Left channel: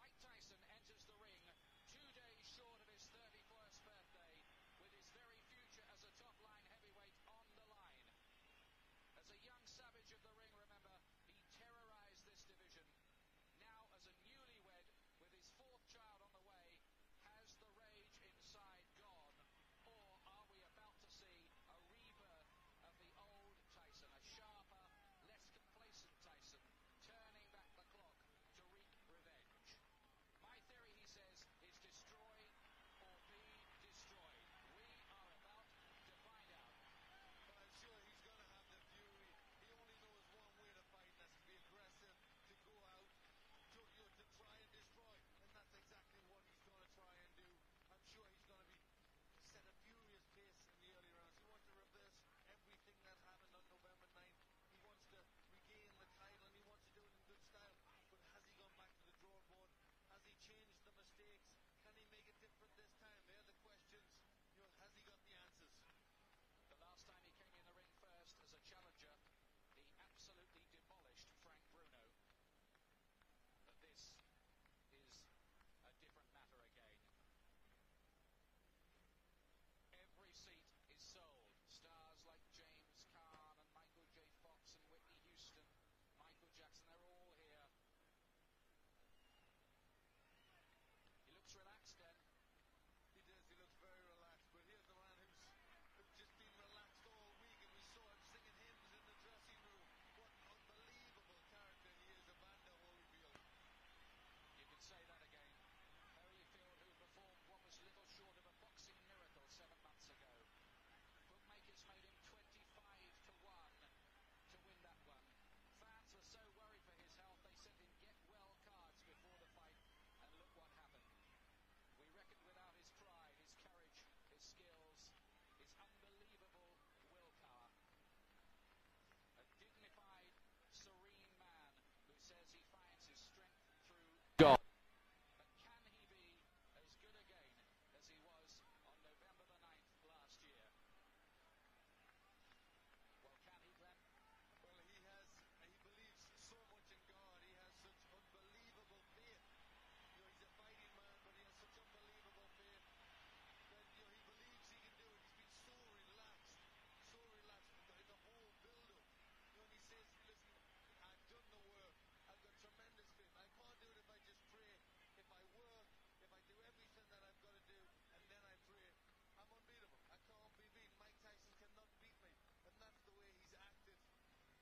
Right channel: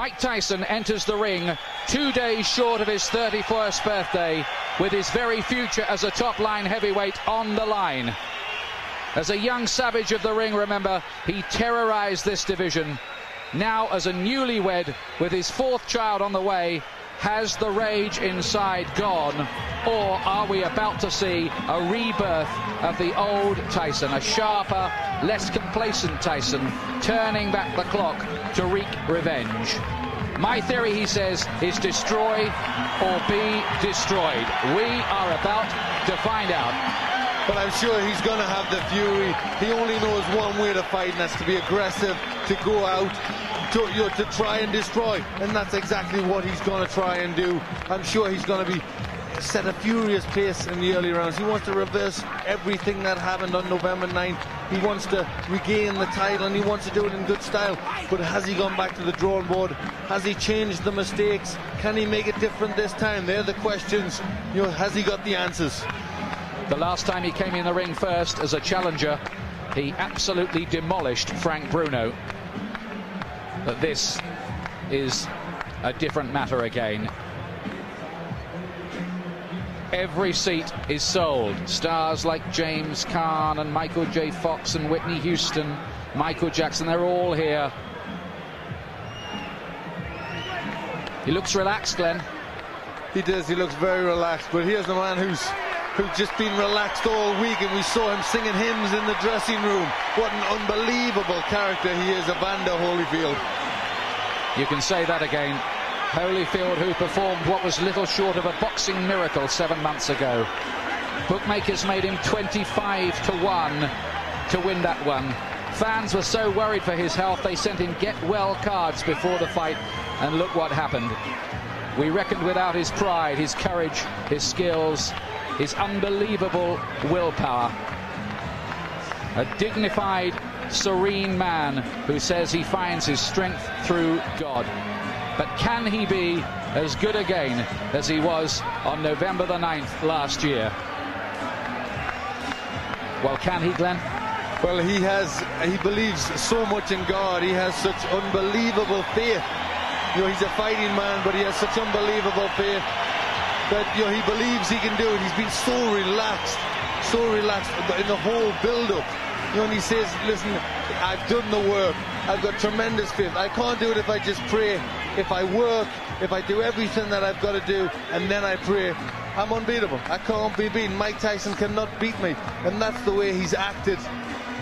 Mike Tyson enters the ring 2 days short of his 31st birthday, with his very future as a top-line heavyweight on the line. As a young savage of the ring, remember, he terrorized this division. Now, as a newlywed with his 4th child on the way, has the rage inside gone, or are we about to see a rebirth of the old Tyson, a sharper, less complacent Tyson, turning back the clock to wreak revenge? My theory, he says, is destroy or be destroyed. We are about to find out. But I'm sure he's going to have the fury. He only knows one way to fight, and that's to be aggressive, to go out, to try and destroy. And that's exactly what he's going to try and do. I'm sure he's going to set a furious pace in the early rounds. He wants to reverse everything that happened on November 9th. He wants to regain the title, and he wants to do it in good style. But has he gone back to the drawing board? Has he changed the mistakes? Can he make it different this time? They're the questions. You know, has he got the answers? The last time he came in the ring first as a challenger, he absolutely demolished Frank Bruno. But this is a different matter again. Every seat is sold. Stars like James Caan and Michael J. Fox and Whitney Houston, Michael Jackson, they're all here. He looks relaxed, Glenn. He does, he looks very relaxed, but here's the man who's just been relaxed all week, and we saw him singing hymns in the dressing room. What an unbelievable character he is, Evander Holyfield. You can say that again. Holyfield, who performed what was little short of a boxing miracle 7 months ago. Bookmakers made him 25-1 to win that one. Fans were so worried for his health, they sent him get-well cards before the fight, and look what happened. We reckoned without his pride, his courage, his skills, his unbelievable willpower. A dignified, serene man who says he finds his strength through God. But can he be as good again as he was on November the 9th last year? Well, can he, Glenn? Well, he believes so much in God. He has such unbelievable faith. You know, he's a fighting man, but he has such unbelievable faith that, you know, he believes he can do it. He's been so relaxed in the whole build-up. You know, and he says, listen, I've done the work. I've got tremendous faith. I can't do it if I just pray. If I work, if I do everything that I've got to do, and then I pray, I'm unbeatable. I can't be beaten. Mike Tyson cannot beat me. And that's the way he's acted.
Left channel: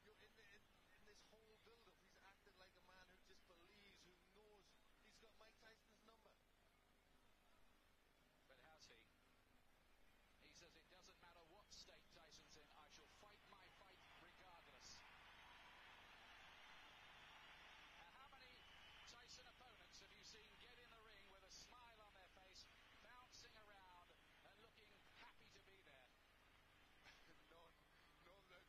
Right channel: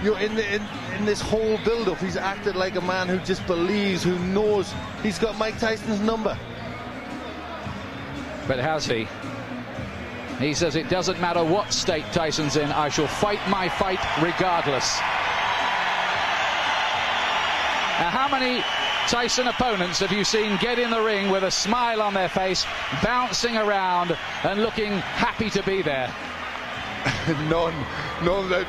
You know, in this whole build-up, he's acted like a man who just believes, who knows he's got Mike Tyson's number. But has he? He says it doesn't matter what state Tyson's in, I shall fight my fight regardless. Now, how many Tyson opponents have you seen get in the ring with a smile on their face, bouncing around and looking happy to be there? None,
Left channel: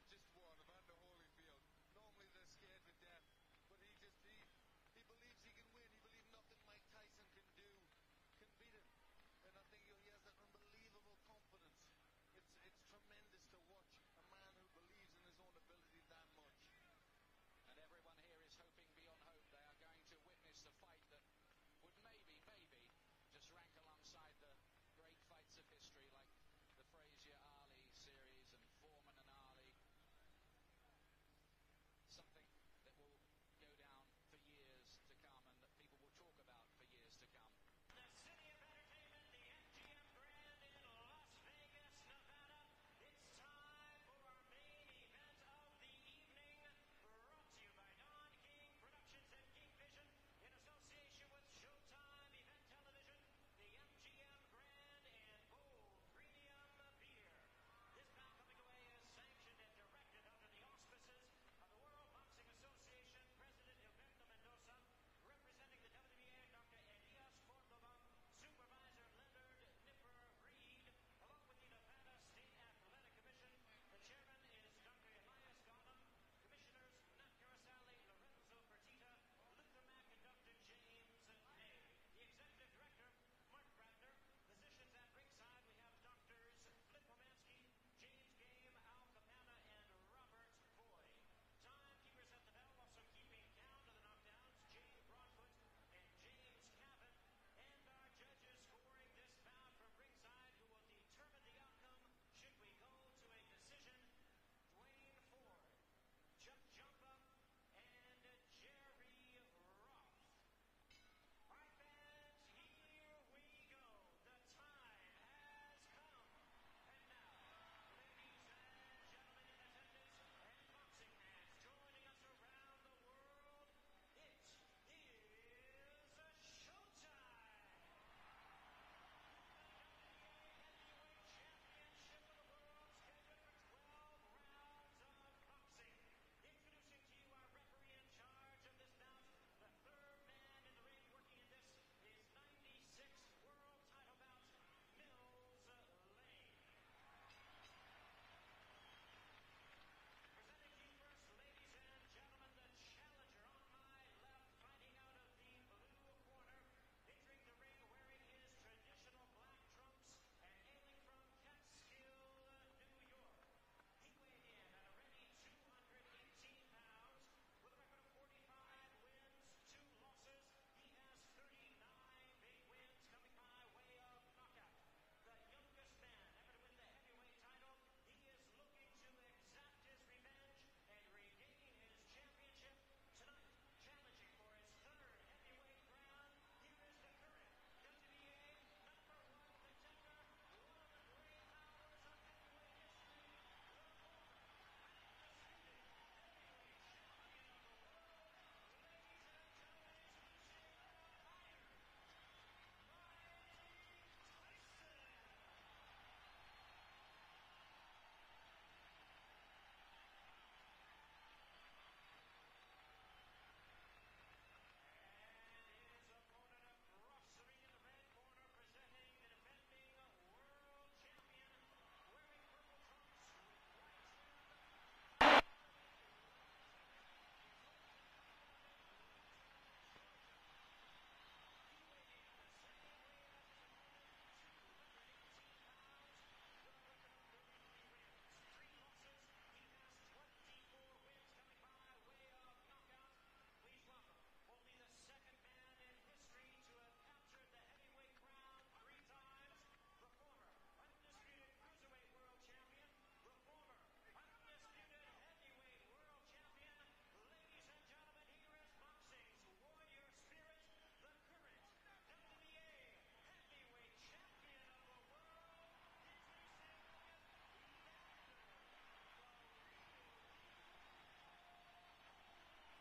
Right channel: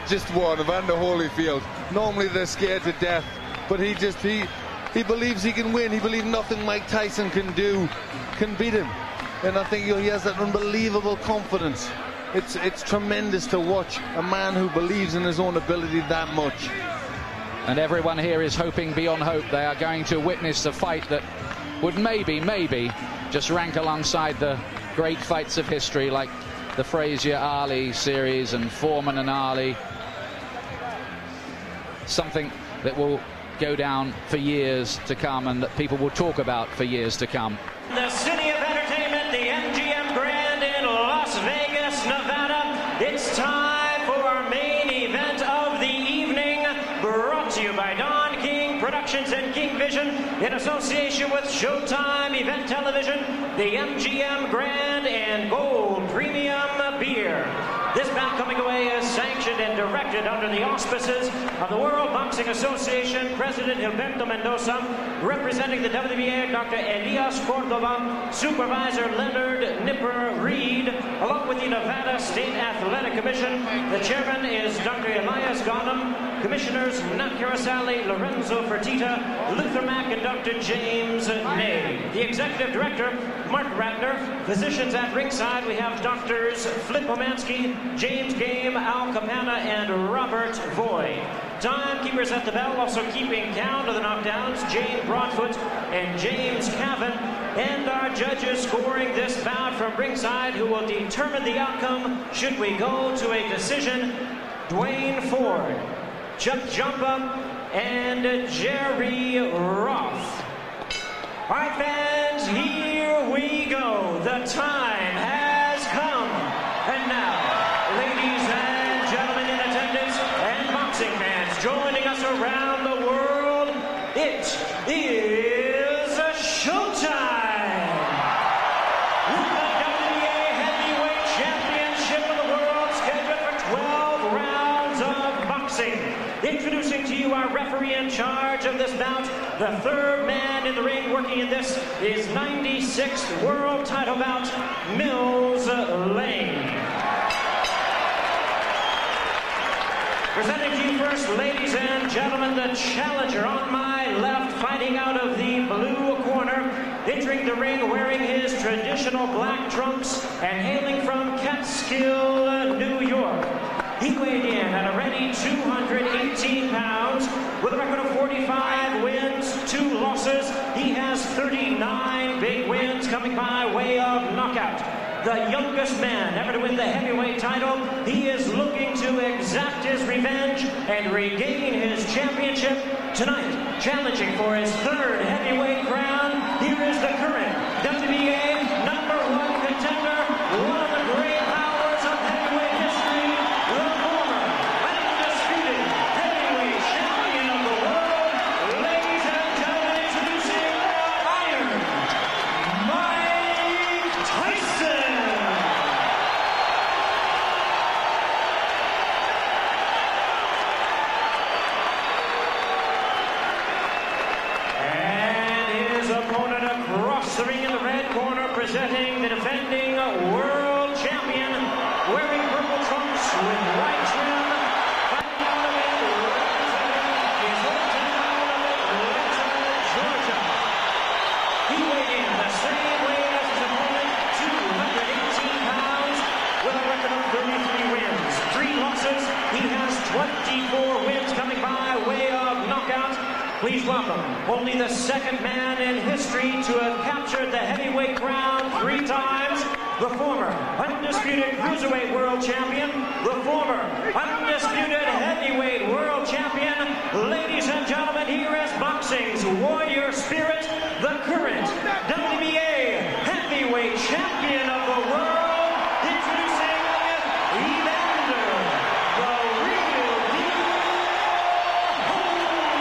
just one, Evander Holyfield. Normally they're scared to death, but he believes he can win. He believes nothing Mike Tyson can do can beat him. And I think, you know, he has that unbelievable confidence. It's tremendous to watch a man who believes in his own ability that much. And everyone here is hoping beyond hope. They are going to witness a fight that would maybe just rank alongside the great fights of history, like the Frazier-Ali series and Foreman and Ali. Something that will go down for years to come, and that people will talk about for years to come. The city of entertainment, the MGM Grand in Las Vegas, Nevada. It's time for our main event of the evening, brought to you by Don King Productions and King Vision in association with Showtime Event Television, the MGM Grand and Gold Premium Beer. This bout coming away is sanctioned and directed under the auspices of the World Boxing Association, President Gilberto Mendoza, representing the WBA, Dr. Elias Cordova, Supervisor Leonard Nipper Reed, along with the Nevada State Athletic Commission. The chairman is Dr. Elias Ghanem, Commissioners Nat Carasali, Lorenzo Fertitta, Luther Mack, and Dr. James Ney. The Executive Director, Mark Ratner. Physicians at ringside, we have Doctors Flip Omansky, James Game, Al Capana, and Robert Voy. Timekeepers at the bell, also keeping count of the knockdowns, Jane Broadfoot and James Cavan. And our judges scoring this bout from ringside, who will determine the outcome should we go to a decision. Dwayne Ford, Chuck Jumpa, and Jerry Roth. All right, fans, here we go. The time has come. And now, ladies and gentlemen in attendance and boxing fans joining us around the world, it is showtime. With the WBA Heavyweight Championship of the world scheduled for 12 rounds of boxing. Introducing to you our referee in charge of this bout, the third man in the ring working in this is 96th world title bout, Mills Lane. Presenting to you first, ladies and gentlemen, the challenger on my left, fighting out of the blue corner, entering the ring wearing his traditional black trunks and hailing from Catskill, New York. He weighed in at a ready 218 pounds with a record of 45 wins, 2 losses. He has 39 big wins coming by way of knockout. The youngest man ever to win the heavyweight title. He is looking to exact his revenge and regain his championship tonight. Challenging for his third heavyweight crown, here is the current WBA #1 contender, one of the great powers of heavyweight history, the former undisputed heavyweight champion of the world. Ladies and gentlemen, introducing Iron Mike Tyson. Opponent across the ring in the red corner, presenting the defending world champion, wearing purple trunks with white trim, fighting out of it, representing his hometown of Atlanta, Georgia. He weighed in the same weight as his opponent, 218 pounds, with a record of 33 wins, 3 losses. He has 24 wins coming by way of knockout. Please welcome only the second man in history to have captured the heavyweight crown 3 times, the former undisputed cruiserweight world champion, the former undisputed heavyweight world champion. Ladies and gentlemen, here is boxing's warrior spirit, the current WBA heavyweight champion of the world, introducing Evander, the real deal, Holyfield.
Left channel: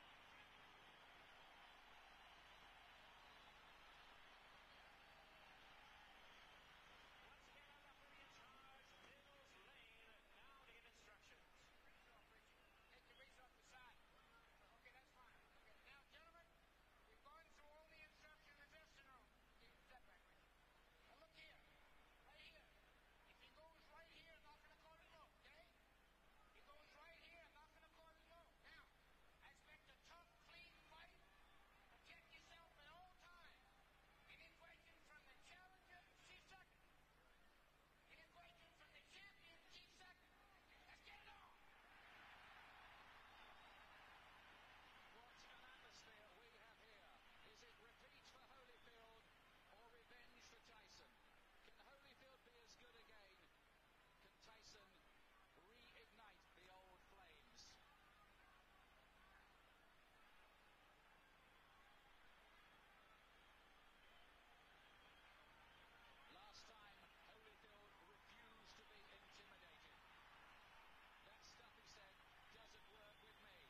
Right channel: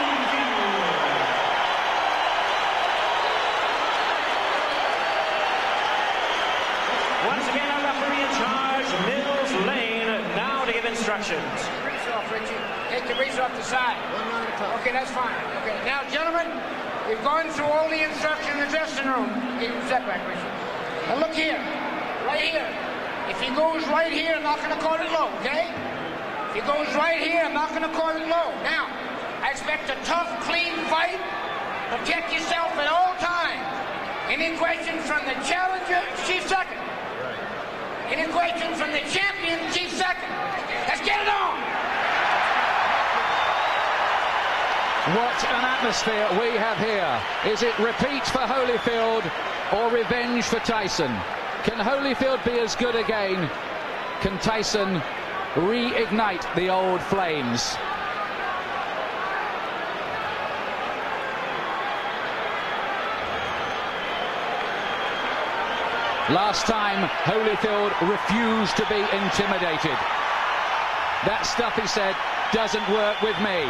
Once again, our referee in charge, Mills Lane, now to give instructions. Grease off, Richie. Take the grease off the side. Okay, that's fine. Okay, now, gentlemen, we've gone through all the instructions in the dressing room. Step back, Richie. Now, look here. Right here. If he goes right here, I'm not going to call it low, okay? If he goes right here, I'm not going to call it low. Now, I expect a tough, clean fight. Protect yourself at all times. Any questions from the challenger? Chief second. Any questions from the champion? Chief second. Let's get it on. What an atmosphere we have here. Is it repeat for Holyfield or revenge for Tyson? Can Holyfield be as good again? Can Tyson reignite the old flames? Last time, Holyfield refused to be intimidated. That stuff, he said, doesn't work with me.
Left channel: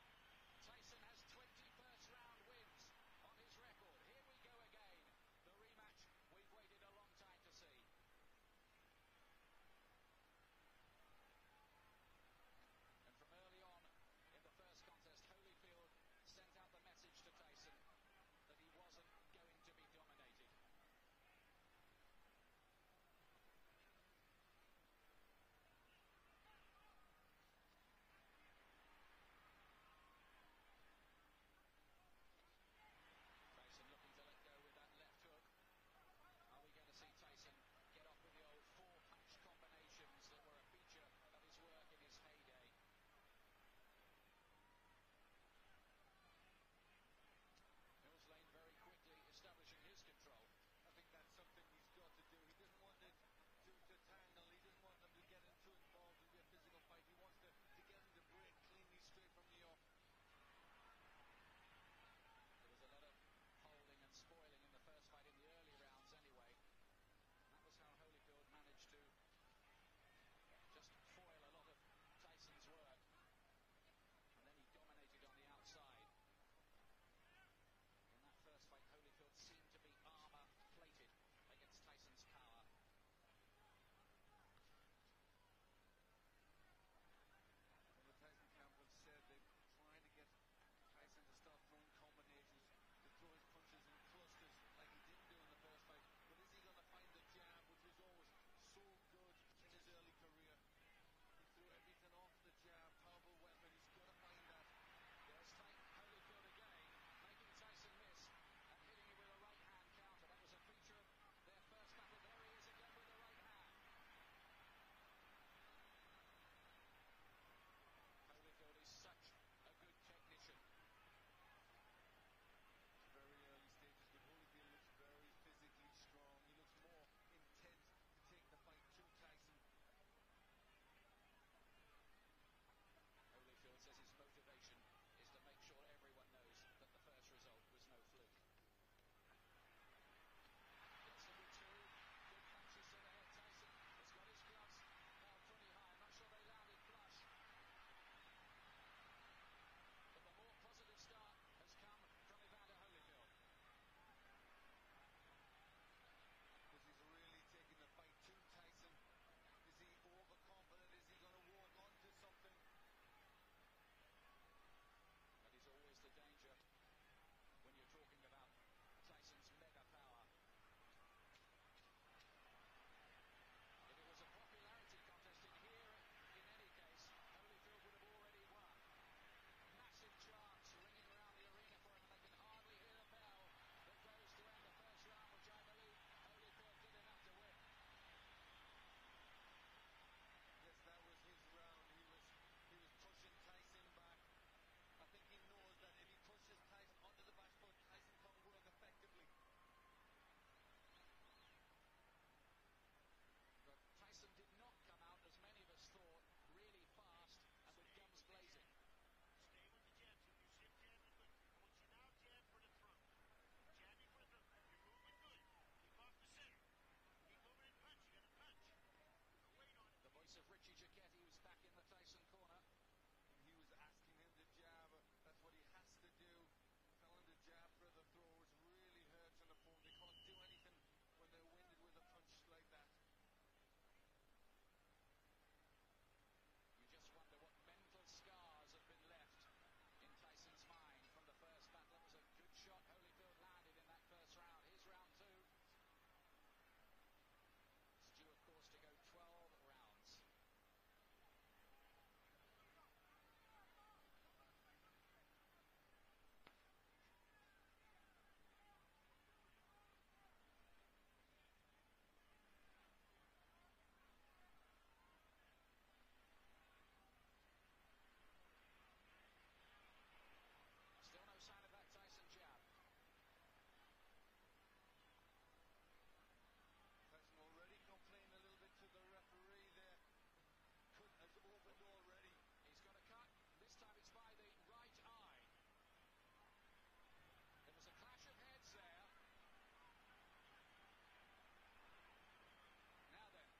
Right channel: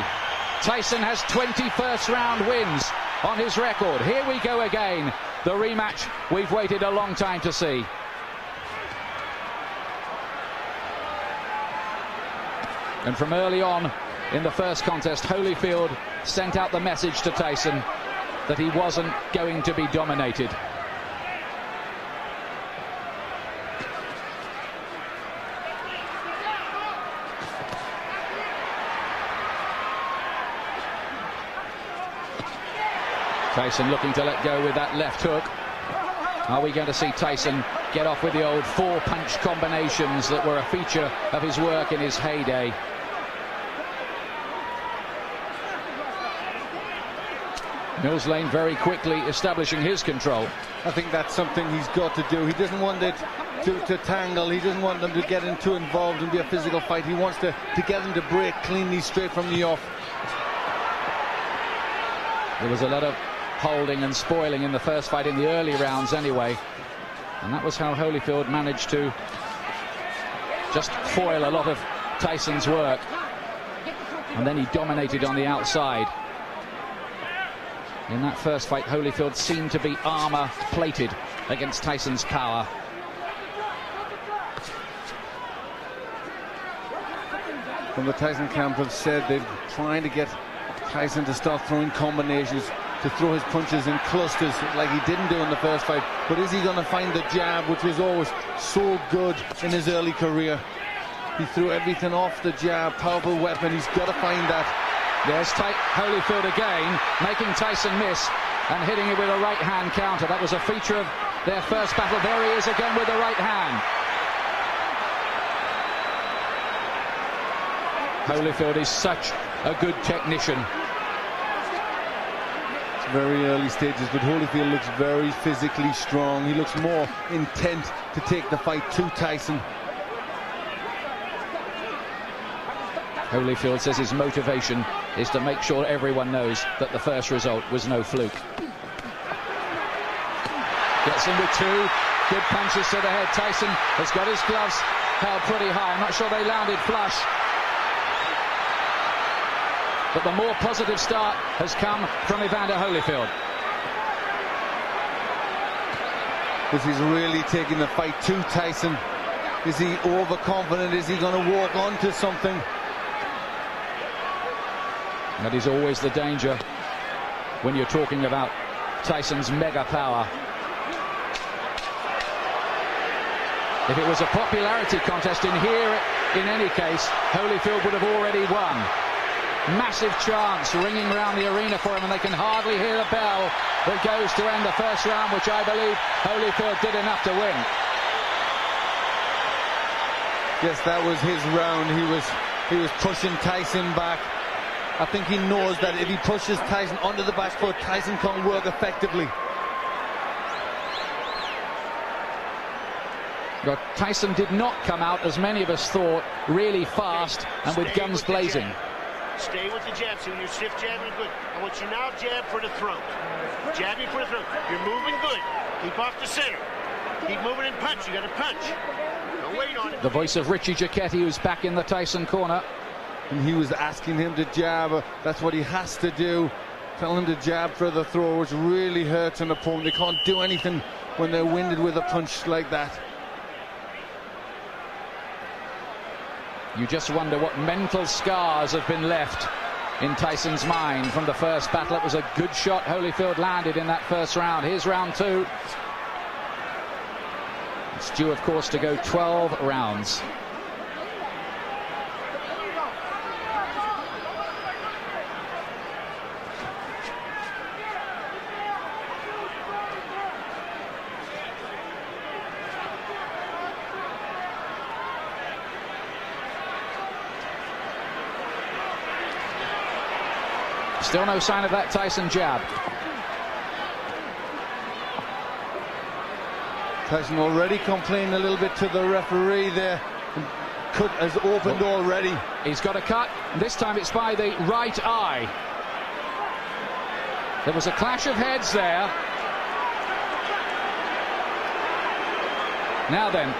Tyson has 20 first-round wins on his record. Here we go again. The rematch we've waited a long time to see. And from early on in the first contest, Holyfield sent out the message to Tyson that he wasn't going to be dominated. Tyson looking to let go with that left hook. Are we going to see Tyson get off with the old 4-punch combinations that were a feature of his work in his heyday? Mills Lane very quickly establishing his control. I think that's something he's got to do. He doesn't want it to tangle. He doesn't want them to get too involved and be a physical fight. He wants to get them to break cleanly straight from the off. There was a lot of holding and spoiling in the first fight in the early rounds anyway. And that was how Holyfield managed to just foil a lot of Tyson's work. And then he dominated on the outside. In that first fight, Holyfield seemed to be armor-plated against Tyson's power. From the Tyson camp have said they're trying to get Tyson to start throwing combinations, to throw his punches in clusters like he didn't do in the first fight. But is he going to find the jab, which was always so good in his early career? He threw everything off the jab, powerful weapon. He's got to find that. There's Holyfield again, making Tyson miss and hitting it with a right-hand counter. That was a feature of their first battle. There he is again with the right hand. Holyfield is such a good technician. It's very early stages, but Holyfield looks very physically strong. He looks more intent to take the fight to Tyson. Holyfield says his motivation is to make sure everyone knows that the first result was no fluke. Gets in with two good punches to the head. Tyson has got his gloves held pretty high. I'm not sure they landed flush. But the more positive start has come from Evander Holyfield. This is really taking the fight to Tyson. Is he overconfident? Is he going to walk onto something? That is always the danger when you're talking about Tyson's mega power. If it was a popularity contest in here, in any case, Holyfield would have already won. Massive chants ringing around the arena for him, and they can hardly hear the bell that goes to end the first round, which I believe Holyfield did enough to win. Yes, that was his round. He was pushing Tyson back. I think he knows that if he pushes Tyson onto the back foot, Tyson can't work effectively. But Tyson did not come out, as many of us thought, really fast and with guns blazing. Stay with the jab. So when you're stiff jabbing good. I want you now jab for the throat. Jabbing for the throat. You're moving good. Keep off the center. Keep moving and punch. You got to punch. Don't wait on it. The voice of Richie Giacchetti, who's back in the Tyson corner. And he was asking him to jab. That's what he has to do. Tell him to jab for the throw, which really hurts an opponent. They can't do anything when they're winded with a punch like that. You just wonder what mental scars have been left in Tyson's mind from the first battle. It was a good shot Holyfield landed in that first round. Here's round two. It's due, of course, to go 12 rounds. Still no sign of that Tyson jab. Tyson already complaining a little bit to the referee there. Cut has opened already. He's got a cut. This time it's by the right eye. There was a clash of heads there. Now then,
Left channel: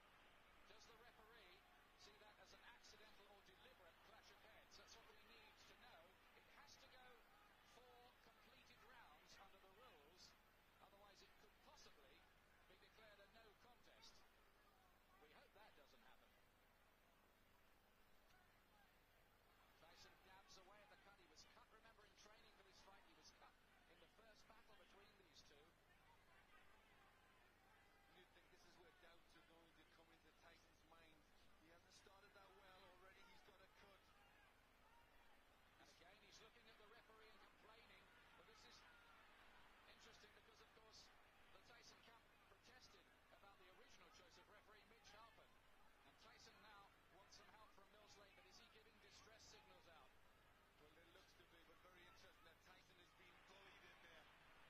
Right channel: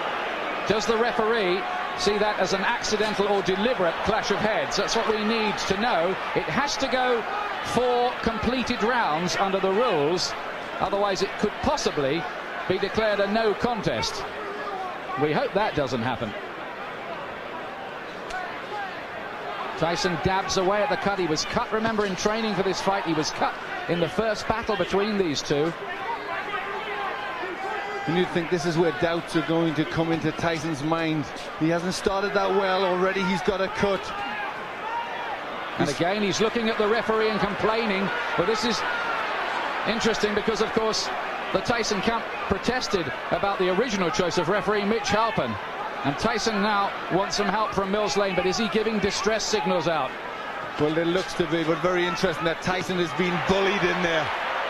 does the referee see that as an accidental or deliberate clash of heads? That's what we need to know. It has to go 4 completed rounds under the rules. Otherwise it could possibly be declared a no contest. We hope that doesn't happen. Tyson dabs away at the cut. He was cut, remember, in training for this fight. He was cut in the first battle between these two. And you think this is where doubts are going to come into Tyson's mind. He hasn't started that well already. He's got a cut. And again, he's looking at the referee and complaining. But this is interesting because, of course, the Tyson camp protested about the original choice of referee Mitch Halpin. And Tyson now wants some help from Mills Lane. But is he giving distress signals out? Well, it looks to be, but very interesting that Tyson is being bullied in there.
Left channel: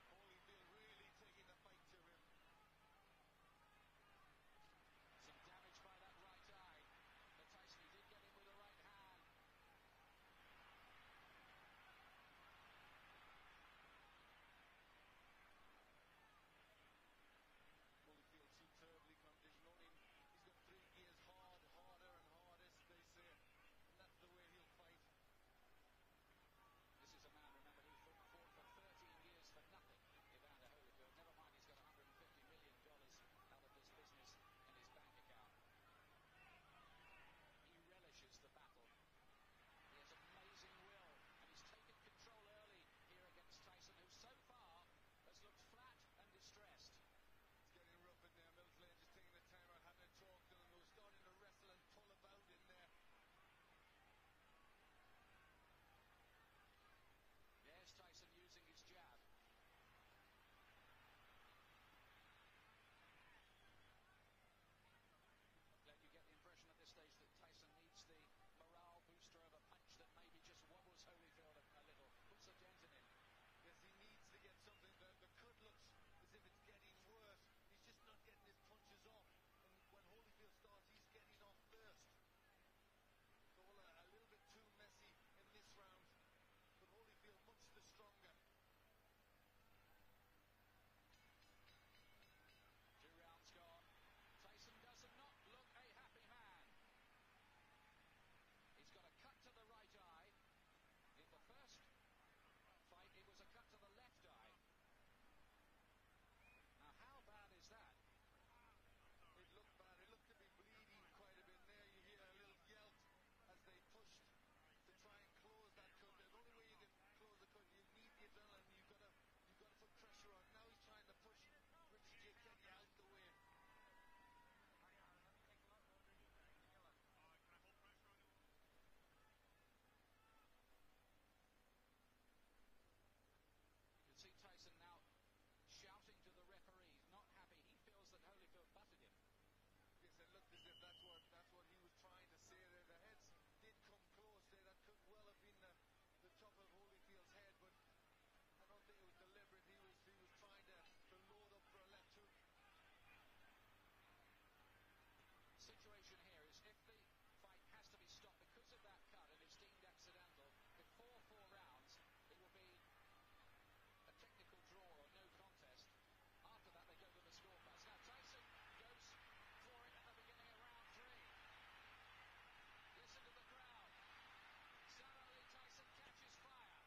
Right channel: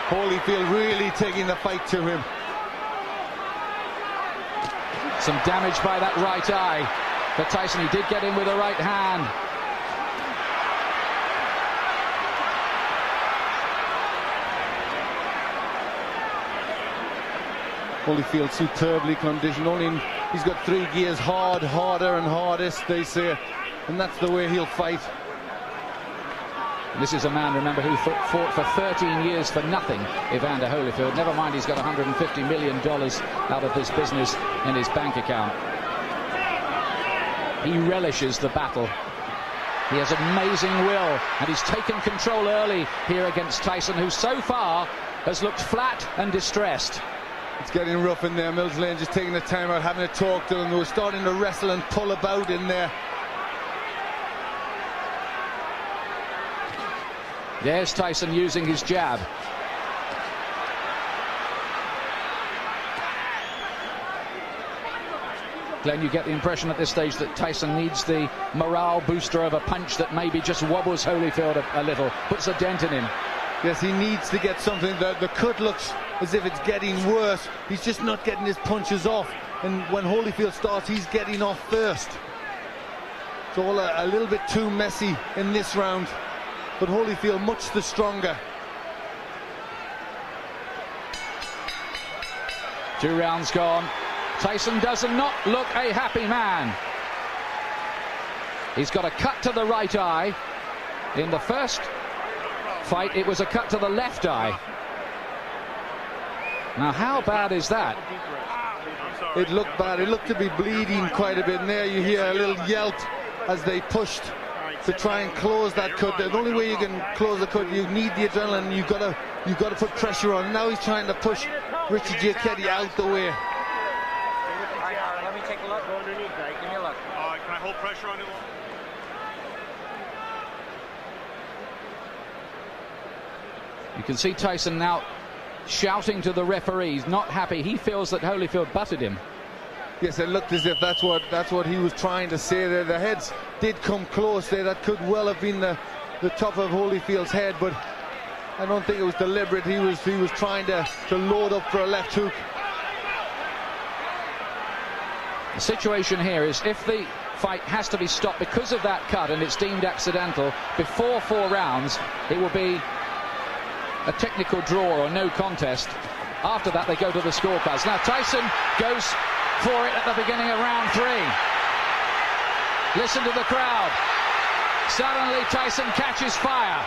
Holyfield really taking the fight to him. Some damage by that right eye for Tyson. He did get in with a right hand. Holyfield superbly conditioned. He's got 3 gears: hard, harder, and hardest, they say, and that's the way he'll fight. This is a man, remember, who fought for 13 years for nothing, Evander Holyfield. Never mind, he's got $150 million out of this business in his bank account. He relishes the battle. He has amazing will, and he's taken control early here against Tyson, who so far has looked flat and distressed. It's getting rough in there. Mills Lane just taking the time out, having a talk to him. They were starting to wrestle and pull about in there. There's Tyson using his jab. Glenn, you get the impression at this stage that Tyson needs the morale booster of a punch that maybe just wobbles Holyfield a little, puts a dent in him. Yes, he needs to get something. The cut looks as if it's getting worse. He's just not getting his punches off. And when Holyfield starts, he's getting off first. It's all a little bit too messy in this round. But Holyfield much the stronger. 2 rounds gone. Tyson does not look a happy man. He's got a cut to the right eye. In the first fight, it was a cut to the left eye. Now, how bad is that? It looked bad. It looked to be bleeding quite a bit. And there you hear a little yelp as they pushed to try and close that cut. The only way you can close the cut, you need the adrenaline. You've got to put pressure on. Now he's trying to push Richie Giacchetti out the way. Let me take a look. Go underneath, right? Give me a look. Can I hold pressure on it? You can see Tyson now shouting to the referees, not happy. He feels that Holyfield butted him. Yes, it looked as if that's what he was trying to say there. The heads did come close there. That could well have been the top of Holyfield's head, but I don't think it was deliberate. He was trying to load up for a left hook. The situation here is if the fight has to be stopped because of that cut and it's deemed accidental before 4 rounds, it will be a technical draw or no contest. After that, they go to the scorecards. Now Tyson goes for it at the beginning of round 3. Listen to the crowd. Suddenly Tyson catches fire.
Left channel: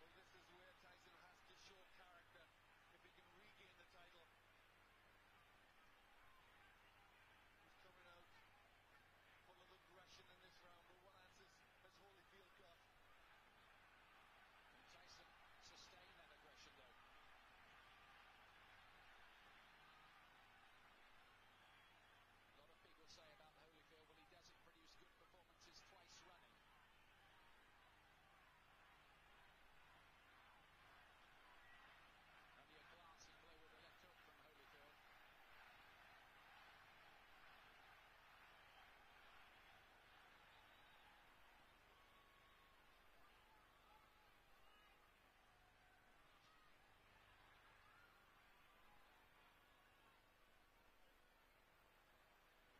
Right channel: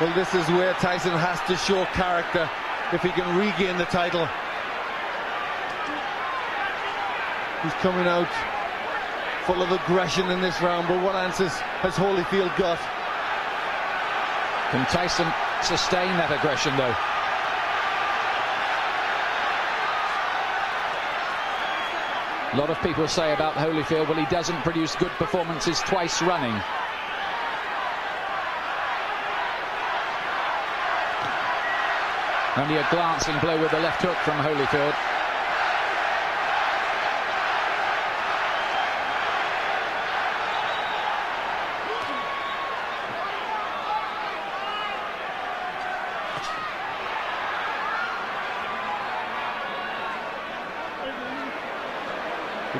Well, this is where Tyson has to show character if he can regain the title. He's coming out full of aggression in this round, but what answers has Holyfield got? Can Tyson sustain that aggression, though? A lot of people say about Holyfield, well, he doesn't produce good performances twice running. Only a glancing blow with the left hook from Holyfield.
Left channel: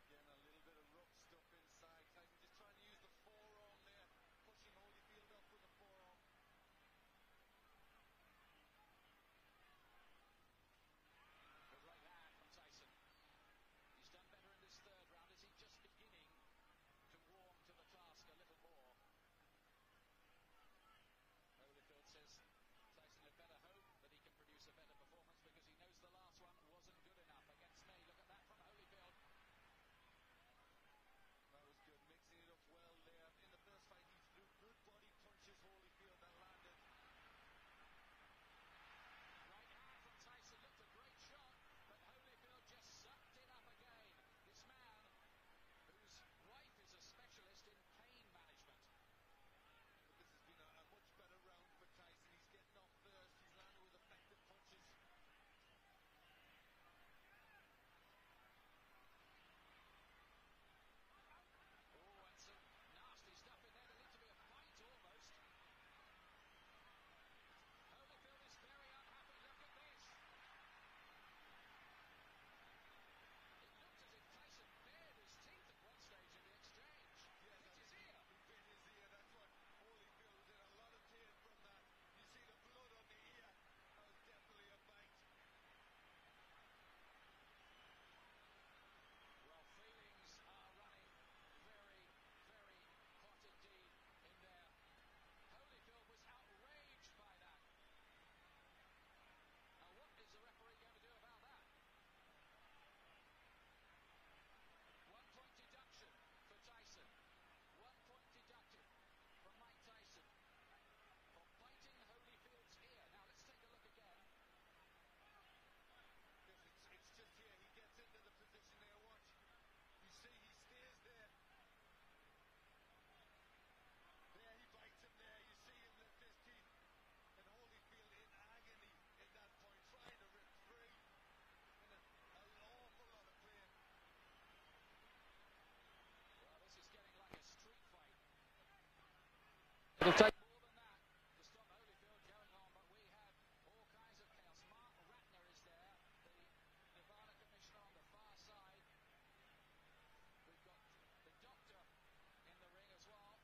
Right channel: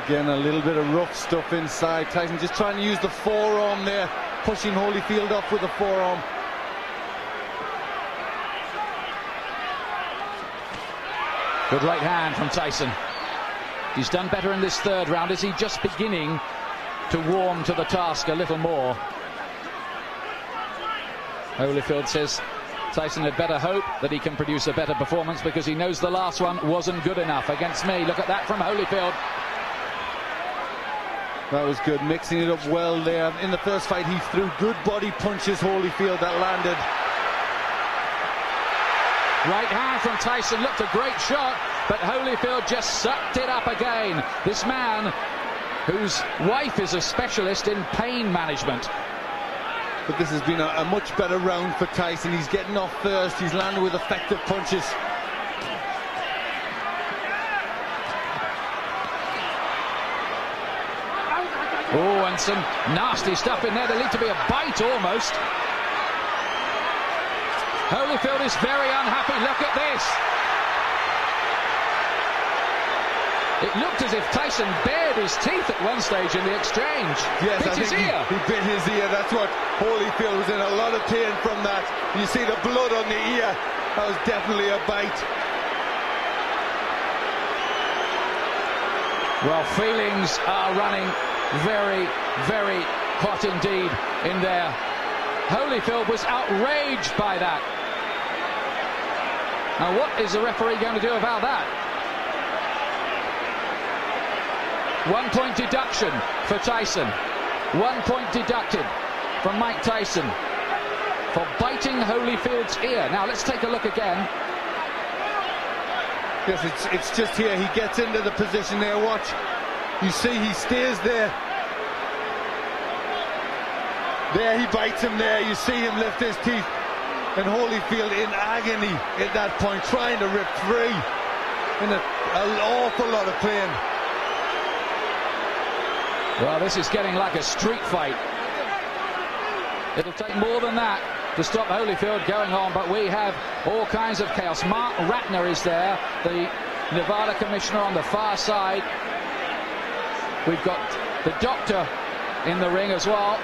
Again, a little bit of rough stuff inside. Tyson just trying to use the forearm there, pushing Holyfield up with the forearm. Good right hand from Tyson. He's done better in this 3rd round. Is he just beginning to warm to the task a little more? Holyfield says Tyson had better hope that he can produce a better performance because he knows the last one wasn't good enough against me. Look at that from Holyfield. That was good, mixing it up well there. In the first fight, he threw good body punches, Holyfield, that landed. Right hand from Tyson, looked a great shot, but Holyfield just sucked it up again. This man, whose wife is a specialist in pain management. But this has been a much better round for Tyson. He's getting off first, he's landed with effective punches. and some nasty stuff in there. There needs to be a bite almost. Holyfield is very unhappy. Look at this. It looked as if Tyson bared his teeth at one stage in the exchange. Yes, bit his ear. He bit his ear. That's what Holyfield was in a lot of pain from that. You see the blood on the ear. That was definitely a bite. Well, feelings are running very, very hot indeed in there. Holyfield was outraged by that. Now, what is the referee going to do about that? 1 point deduction for Tyson. 1 point deducted from Mike Tyson for biting Holyfield's ear. Now, let's take a look again. Yes, it's just here. He gets into the position there. Watch. You see he stays there. There he bites him there. You see him lift his teeth. And Holyfield in agony at that point, trying to rip free. In an awful lot of pain. Well, this is getting like a street fight. It'll take more than that to stop Holyfield going on, but we have all kinds of chaos. Mark Ratner is there, the Nevada commissioner on the far side. We've got the doctor in the ring as well.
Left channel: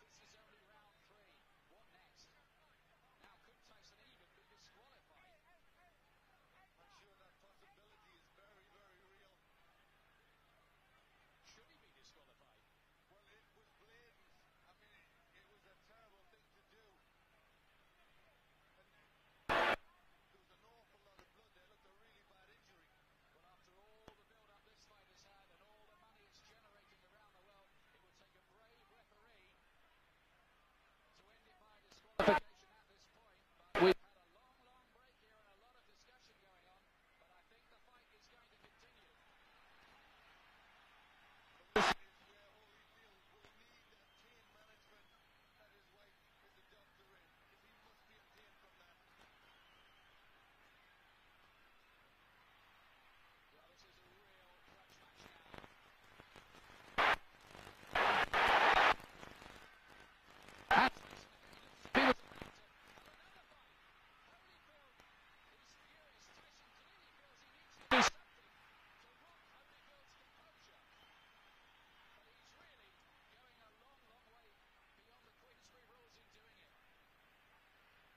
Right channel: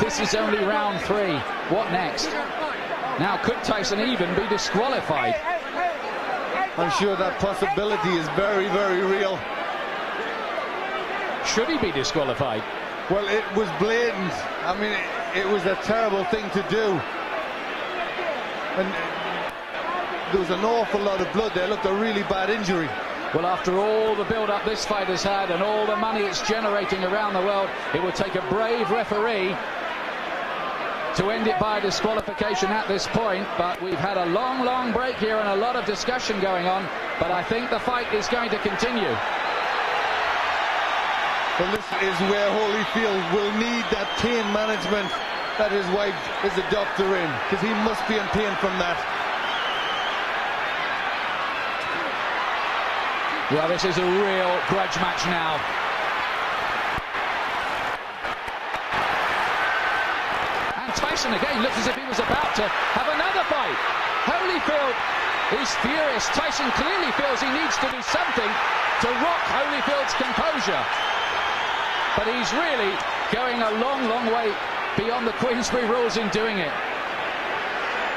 This is only round 3. What next? Now, could Tyson even be disqualified? I'm sure that possibility is very, very real. Should he be disqualified? Well, it was blatant. I mean, it was a terrible thing to do. And there was an awful lot of blood there. Looked a really bad injury. Well, after all the build-up this fight has had and all the money it's generating around the world, it would take a brave referee to end it by disqualification at this point. But we've had a long, long break here and a lot of discussion going on. But I think the fight is going to continue. Well, this is where Holyfield will need that pain management that his wife is a doctor in, because he must be in pain from that. Well, this is a real grudge match now. And Tyson again looks as if he was about to have another fight. Holyfield is furious. Tyson clearly feels he needs to do something to rock Holyfield's composure. But he's really going a long, long way beyond the Queensberry rules in doing it.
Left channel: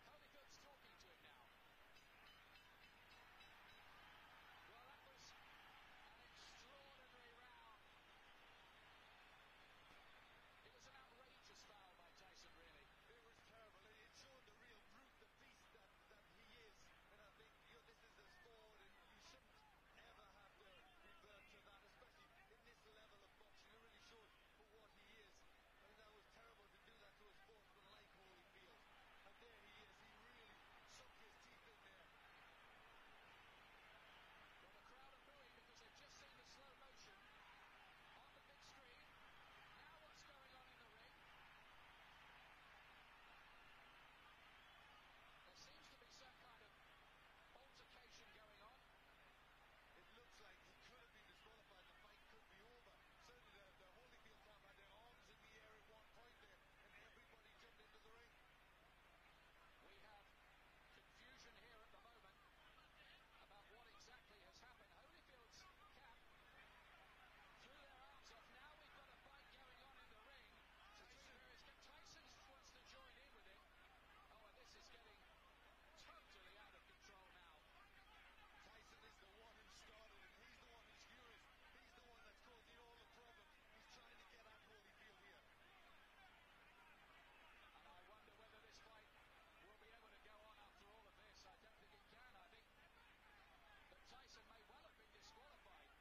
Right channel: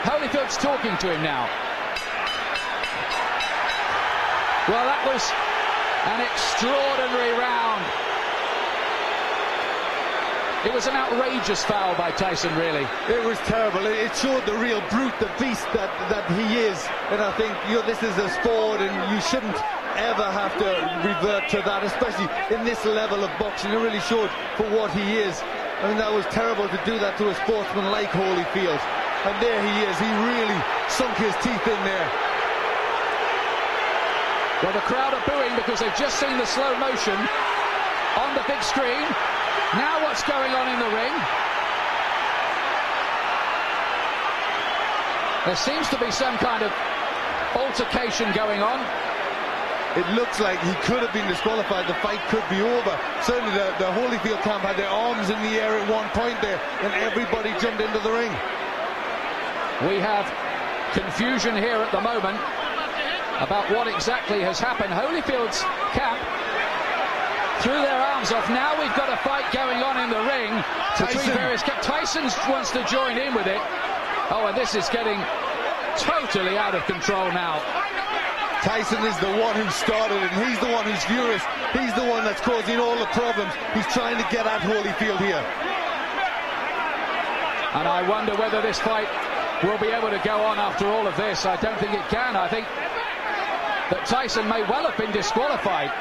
Holyfield's talking to him now. Well, that was an extraordinary round. It was an outrageous foul by Tyson, really. It was terrible. It showed the real brute, the beast that he is. And I think, this is a sport and you shouldn't ever have to revert to that, especially in this level of boxing. It really showed for what he is. I mean, that was terrible to do that to a sportsman like Holyfield. And there he is. He really sunk his teeth in there. Well, the crowd are booing because they've just seen the slow motion on the big screen. Now what's going on in the ring? There seems to be some kind of altercation going on. It looks like he could have been disqualified. The fight could be over. Certainly the Holyfield camp had their arms in the air at one point there, and everybody jumped into the ring. We have confusion here at the moment about what exactly has happened. Holyfield's camp threw their arms off. Now we've got a fight going on in the ring between various camps. Tyson wants to join in with it. Oh, and this is getting totally out of control now. Tyson is the one who started it, and he's the one who's furious. He's the one that's causing all the problems. He's trying to get at Holyfield here. And I wonder whether this fight will be able to go on after all of this. I don't think it can. I think that Tyson may well have been disqualified.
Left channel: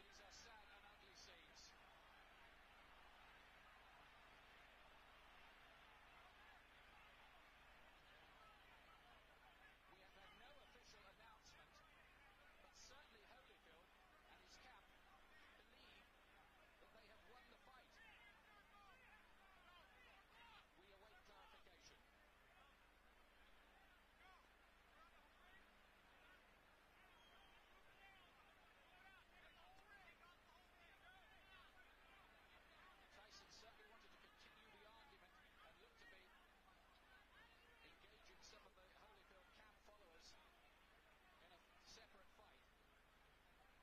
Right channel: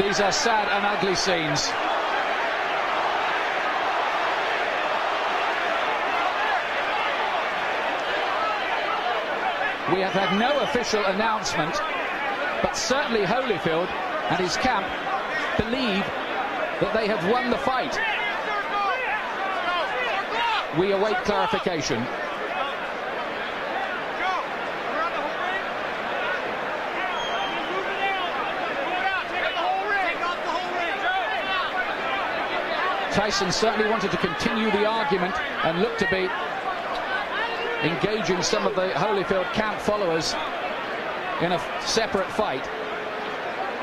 These are sad and ugly scenes. We have had no official announcement, but certainly Holyfield and his camp believe that they have won the fight. we await clarification. Tyson certainly wanted to continue the argument and looked to be engaging some of the Holyfield camp followers in a separate fight.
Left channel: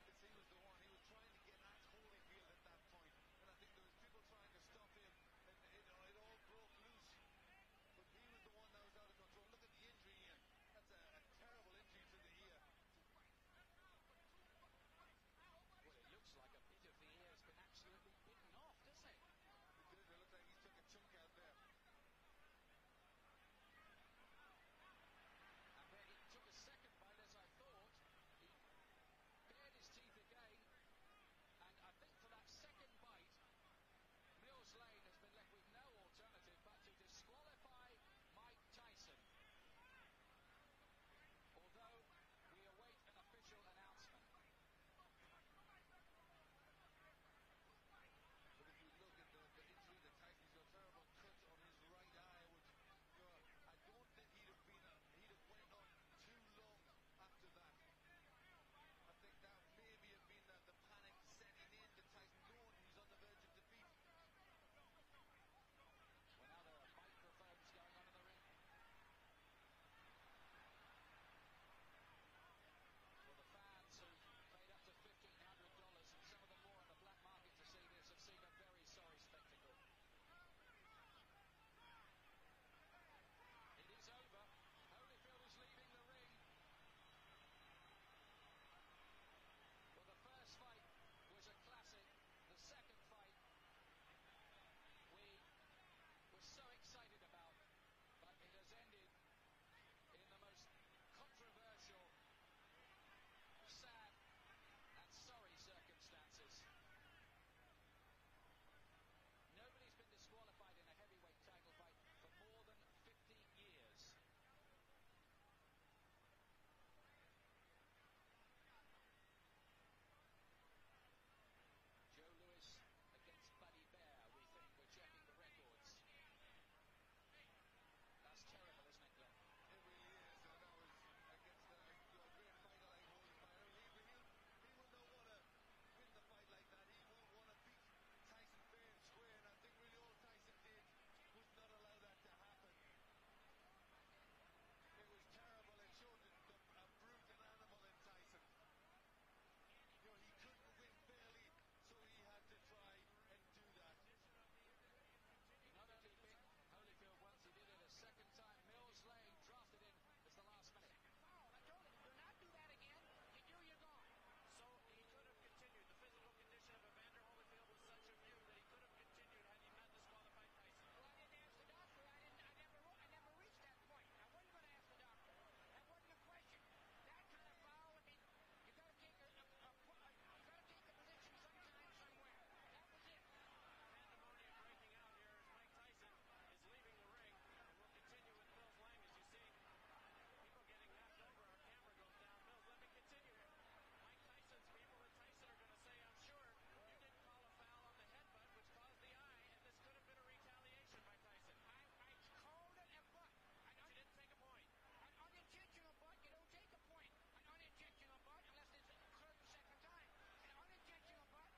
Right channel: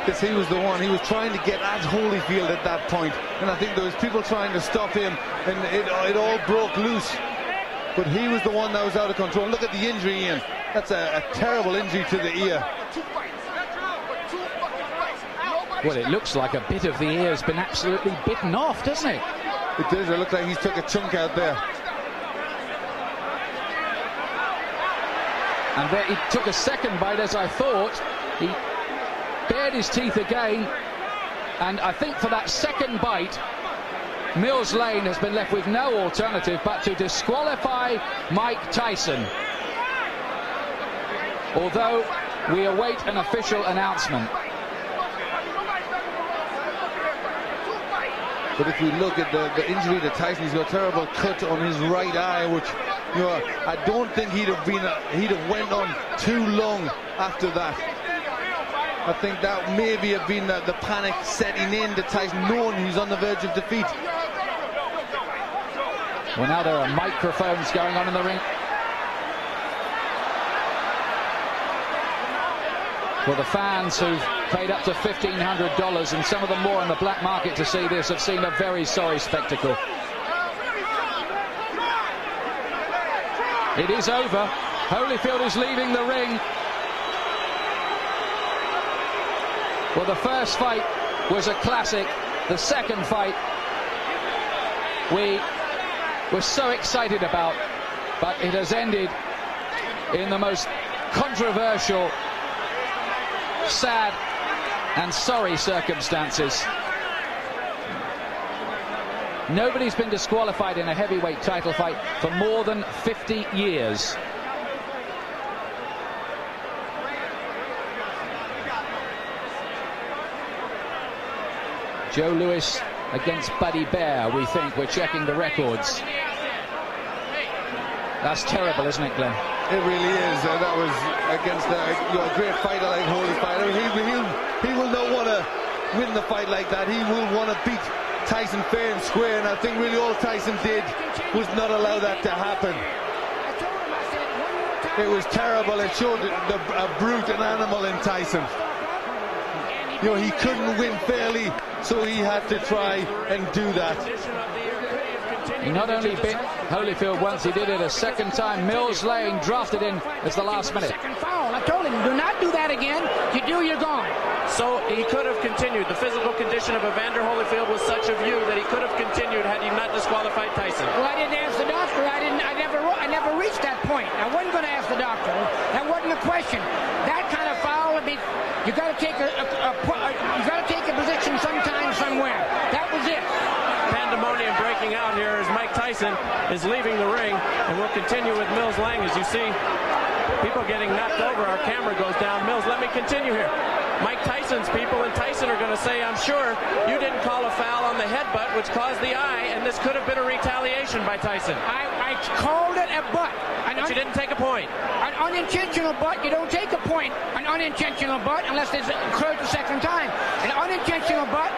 Because he was the one, he was trying to get at Holyfield at that point, and I think there was people trying to stop him, and it all broke loose. But he was the one that was out of control. Look at the injury, Ian. That's a terrible injury to the ear. Well, it looks like a bit of the ear's been absolutely bitten off, doesn't it? It does. It looks like he's took a chunk out there. And there he took a second bite, as I thought. He bared his teeth again, and I think for that second bite, Mills Lane has been left with no alternative but to disqualify Mike Tyson. Although we await an official announcement. But if we look at the injury to Tyson, he's got a terrible cut on his right eye, which, you know, I don't think he'd have went on too long after that. I think that maybe have been the panic setting in to Tyson, knowing he's on the verge of defeat. Well, now there are microphones going on in the ring. Well, the fans who've paid up to $1,500 and some of them more on the black market to see this have seen a very sorry spectacle. It is over. Holyfield is leaving the ring. Well, the first fight was a classic. The second fight we were so excited about, but it has ended in the most controversial, sad and sorry circumstances. Nobody's been disqualified in a heavyweight title fight for more than 50 years. Joe Louis against Buddy Bear, we think. We're checking the records. That's terrible, isn't it, Glenn? It really is. That was against a great fighter like Holyfield. He will not want to win the fight like that. He will want to beat Tyson fair and square, and I think really all Tyson did was not allow that to happen. It was terrible. It showed a brute, an animal in Tyson. You know, he couldn't win fairly, so he had to try and do that. He not only bit Holyfield once, he did it a second time. Mills Lane drafted in as the last minute. Second foul. I told him, do not do that again. If you do, you're gone. So he could have continued. The physical condition of Evander Holyfield was such a view that he could have continued had he not disqualified Tyson. Well, I didn't ask the doctor. I never reached that point. I wasn't going to ask the doctor. That wasn't a question. That kind of foul would be. You got to take a position sometime, somewhere. That was it. Pandemonium breaking out here as Mike Tyson is leaving the ring, and we'll continue with Mills Lang. As you see, people getting knocked over. Our camera goes down. Mills, let me continue here. Mike Tyson's people and Tyson are going to say, I'm sure you didn't call a foul on the headbutt, which caused the eye, and this could have been a retaliation by Tyson. I called it a butt. But you didn't take a point. An unintentional butt, you don't take a point. An unintentional butt, unless it's occurred the second time. An unintentional butt,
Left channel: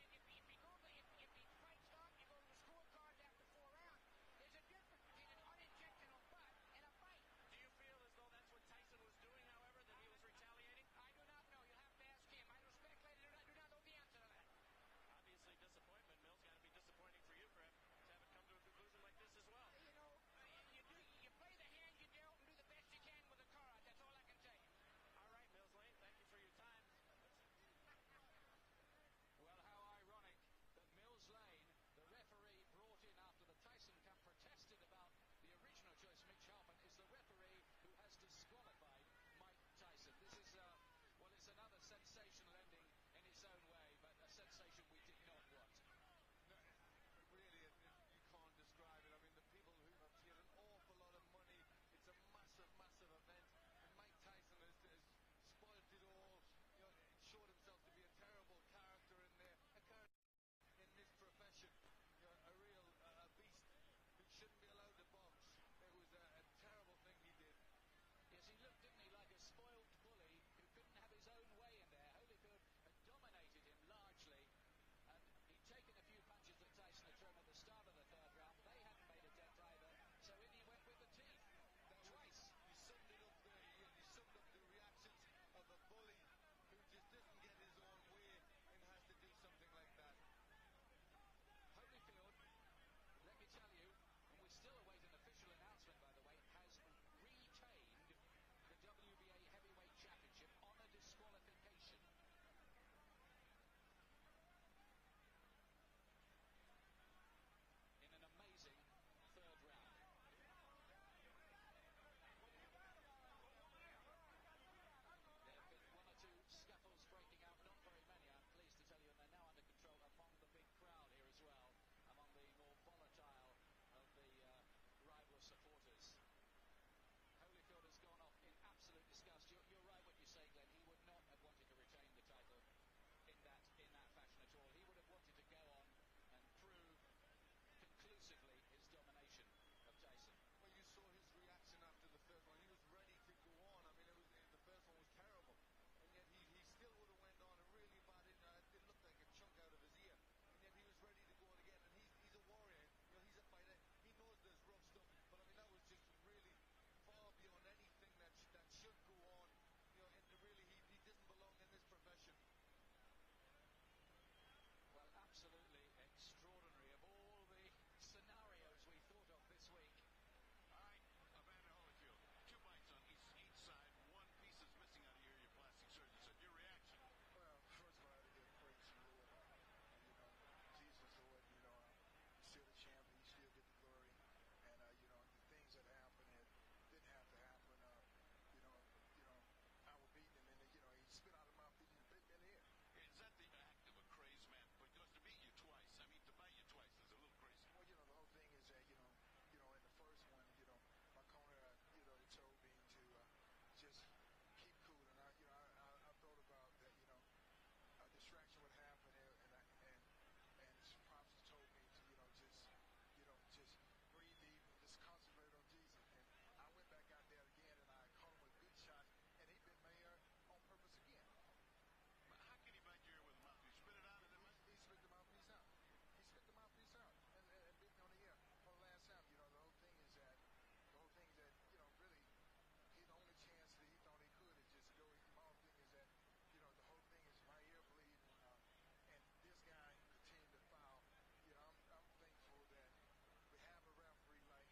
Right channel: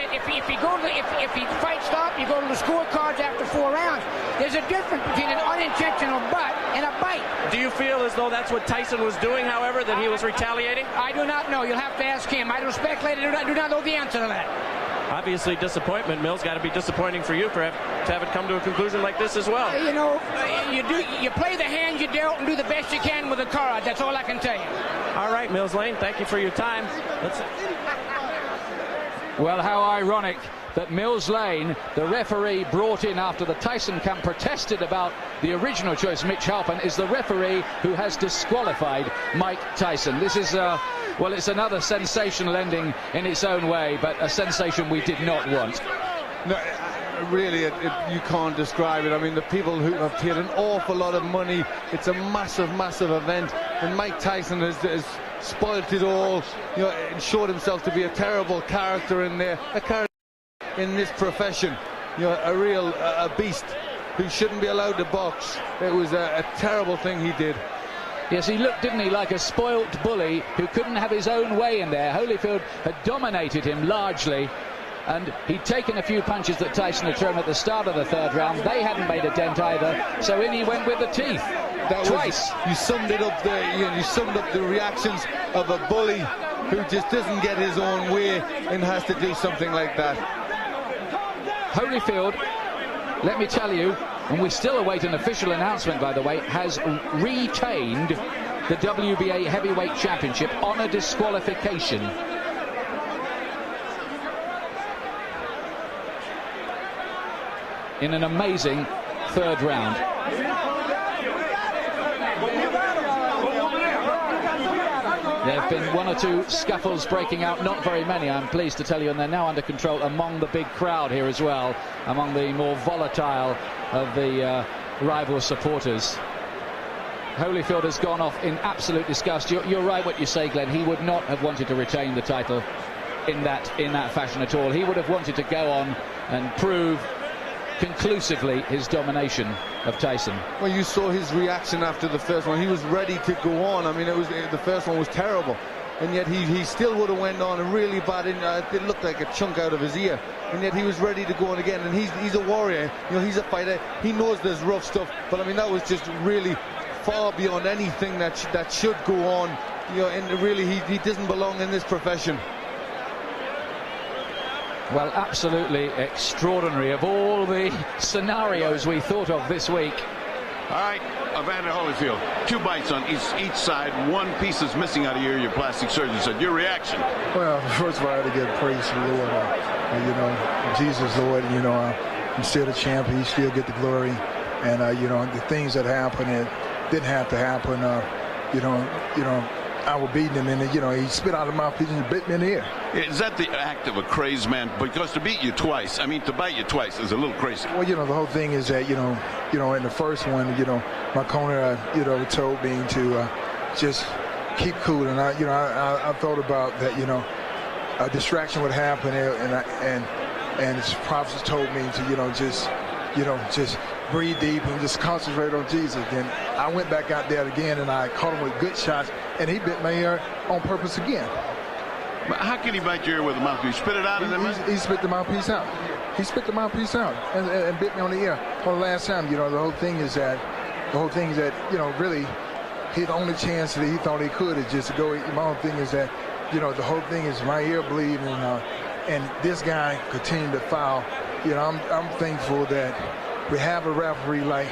if he fight stop, you go to the scorecards after 4 rounds. There's a difference between an unintentional butt and a bite. Do you feel as though that's what Tyson was doing, however, that he was retaliating? I do not know. You'll have to ask him. I don't speculate. I do not know the answer to that. Obviously, disappointment, Mills. Got to be disappointing for you to have it come to a conclusion like this as well. You know, you play the hand you dealt and do the best you can with the card. That's all I can tell you. All right, Mills Lane, thank you for your time. Well, how ironic that Mills Lane, the referee brought in after the Tyson camp protested about the original choice, Mitch Halpin, is the referee who has disqualified Mike Tyson. This is, well, it's another sensational ending in its own way, but a sensation we did not want. No, really, you can't describe it. I mean, the people who have paid an awful lot of money, it's a massive, massive event, and Mike Tyson has spoilt it all, you know, and showed himself to be a terrible character in there, a character in this profession, you know, a real beast. who shouldn't be allowed to box. It was a terrible thing he did. Yes, he looked, didn't he, like a spoilt bully who couldn't have his own way in there. Holyfield had dominated him largely, and he'd taken a few punches that Tyson had thrown at the start of the third round. They hadn't made a dent either, so in he went with the teeth. Twice. You summed it up there, Ian. You summed up the reactions of a bully who just doesn't get his own way and has to do something like that. Holyfield, let me tell you, and we still await an official announcement, by the way, has retained the WBA Heavyweight Championship on a disqualification. In an amazing third round. There have been one or two scuffles breaking out, not very many, I'm pleased to tell you, and they're now under control among the big crowd here as well, among the more volatile of the rival supporters. Holyfield has gone off in absolute disgust. You're right what you say, Glenn. He would not have wanted to retain the title in that fashion at all. He would have wanted to go on and prove conclusively his domination of Tyson. Well, you saw his reaction after the first one. He was ready to go on. I mean, the first one was terrible, and yet he still would have went on, and really bad. It looked like a chunk out of his ear, and yet he was ready to go on again. And he's a warrior. You know, he's a fighter. He knows there's rough stuff, but I mean, that was just really far beyond anything that should go on. You know, and really, he doesn't belong in this profession. Well, absolutely extraordinary. Of all the scenarios we thought of this week. All right, Evander Holyfield, 2 bites on each side. 1 piece is missing out of your ear. Your plastic surgeon said. Your reaction? Well, first of all, I had to give praise to the Lord. You know, Jesus, Lord. You know, I'm still the champ. He still get the glory. And you know, the things that happened, it didn't have to happen. You know. I was beating him, and you know, he spit out of my mouthpiece and bit me in the ear. Is that the act of a crazed man? Because to beat you twice, I mean, to bite you twice is a little crazy. Well, you know, the whole thing is that, you know, in the first one, you know, my corner, you know, told me to just keep cool, and I thought about that, you know, a distraction would happen, and his prophets told me to, just breathe deep and just concentrate on Jesus. Then I went back out there again, and I caught him with good shots, and he bit my ear on purpose again. But how can he bite your ear with a mouthpiece? Spit it out? He spit the mouthpiece out. He spit the mouthpiece out and bit me on the ear. For the last time, you know, the whole thing is that, you know, really, his only chance that he thought he could is just to go. My whole thing is that, you know, the whole thing is my ear bleeding, and this guy continued to foul. You know, I'm thankful that we have a referee like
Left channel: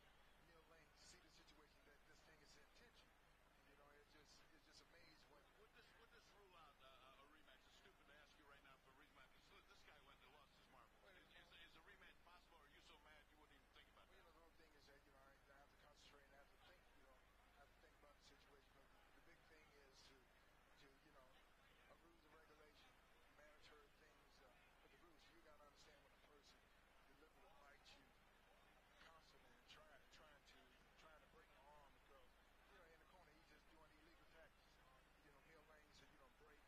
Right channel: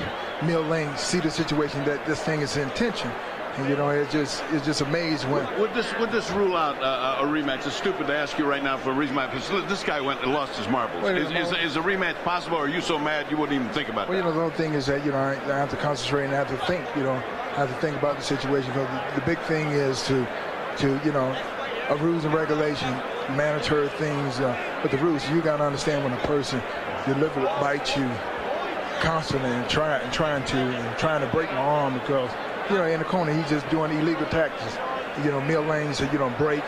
Mill Lane see the situation that this thing is intention. And, you know, it's just amazing when. Would this rule out a rematch? It's stupid to ask you right now for a rematch. This guy went and lost his marbles. Is a rematch possible, or are you so mad you wouldn't even think about it? Well, you know, the whole thing is that, you know, I have to concentrate and I have to think, you know, I have to think about the situation. Because the big thing is to you know, a rules and regulation, mandatory things. But the rules, you got to understand when a person deliberately bites you constantly and trying to break my arm because, you know, in the corner he's just doing illegal tactics. You know, Mill Lane said you don't break.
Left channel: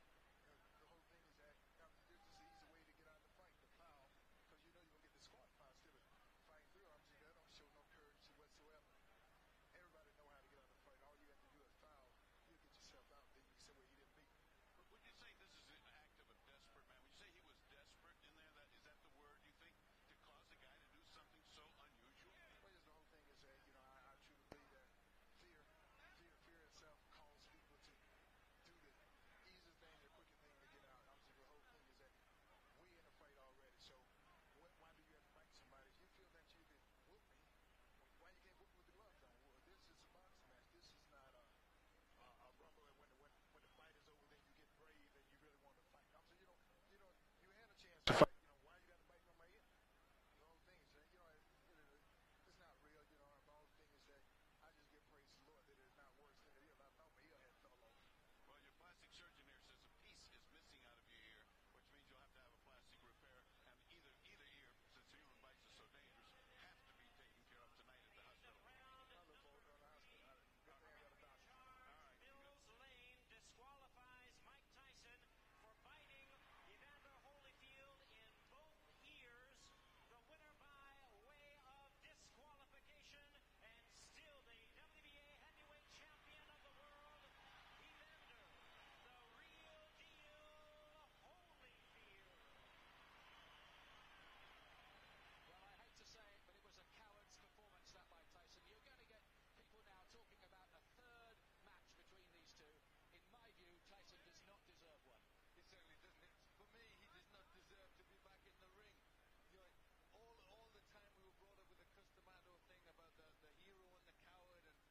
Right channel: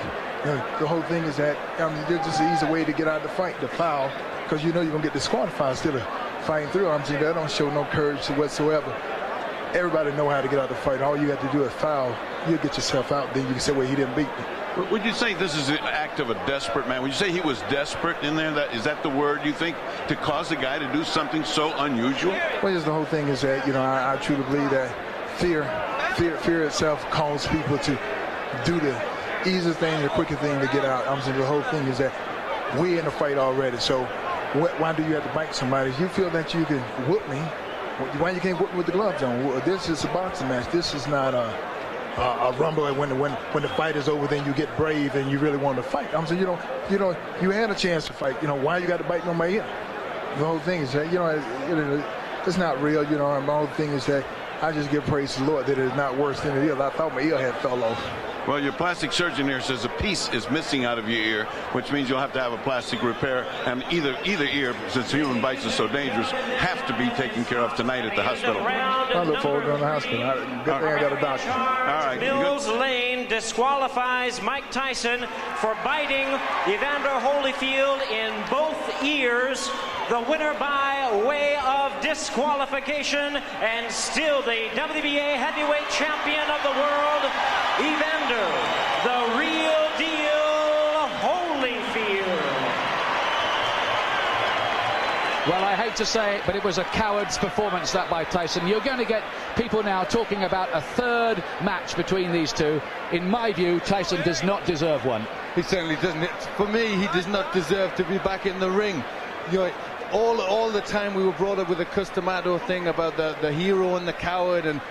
You know, the whole thing is that there's just an easy way to get out of the fight, the foul, because you know you're gonna get disqualified instead of fighting through. I'm saying that don't show no courage whatsoever. Everybody know how to get out of the fight. All you have to do is foul. You'll get yourself out. Then you can say, well, he didn't beat me. Would you say this is an act of a desperate man? Would you say he was desperate in there? Is that the word you think, to cause a guy to do something so unusual? Well, just the whole thing is that, you know, I truly believe that fear itself calls people to do the easiest thing, the quickest thing to get out. I'm saying the whole thing is that we're in a fight already. So why do you have to bite somebody? If you feel that you can whoop me, why you can't whoop me with the gloves on? This is a boxing match. This is not a rumble. When the fight is over, then you get brave and you really want to fight. I'm saying, you had a chance to fight. You know, why you got to bite on my ear? The whole thing is that, you know, it's not real. You know, and the whole thing is that I just give praise to the Lord that it's not worse than it is. I thought my ear had fell off. Well, your plastic surgeon here says a piece is missing out of your ear, which means you'll have to have a plastic repair, and either ear, since human bites are so dangerous, have to be taken care of tonight at the hospital. I look forward to going to the hospital. Good thing I got a doctor. All right. Mills Lane disqualifies Mike Tyson for biting Evander Holyfield in both ears. The winner by by way of disqualification, and still the WBA heavyweight champion of the world, Evander, the real deal, Holyfield. Well, I hate to say it, but it was a coward's performance, that by Tyson. You're going to get people now talking about a third match between these two. In my view, Tyson does not deserve one. He certainly doesn't. For me, he does not deserve to be back in the ring. You know, all the time we were brought up with the Customato thing about the hero and the coward, and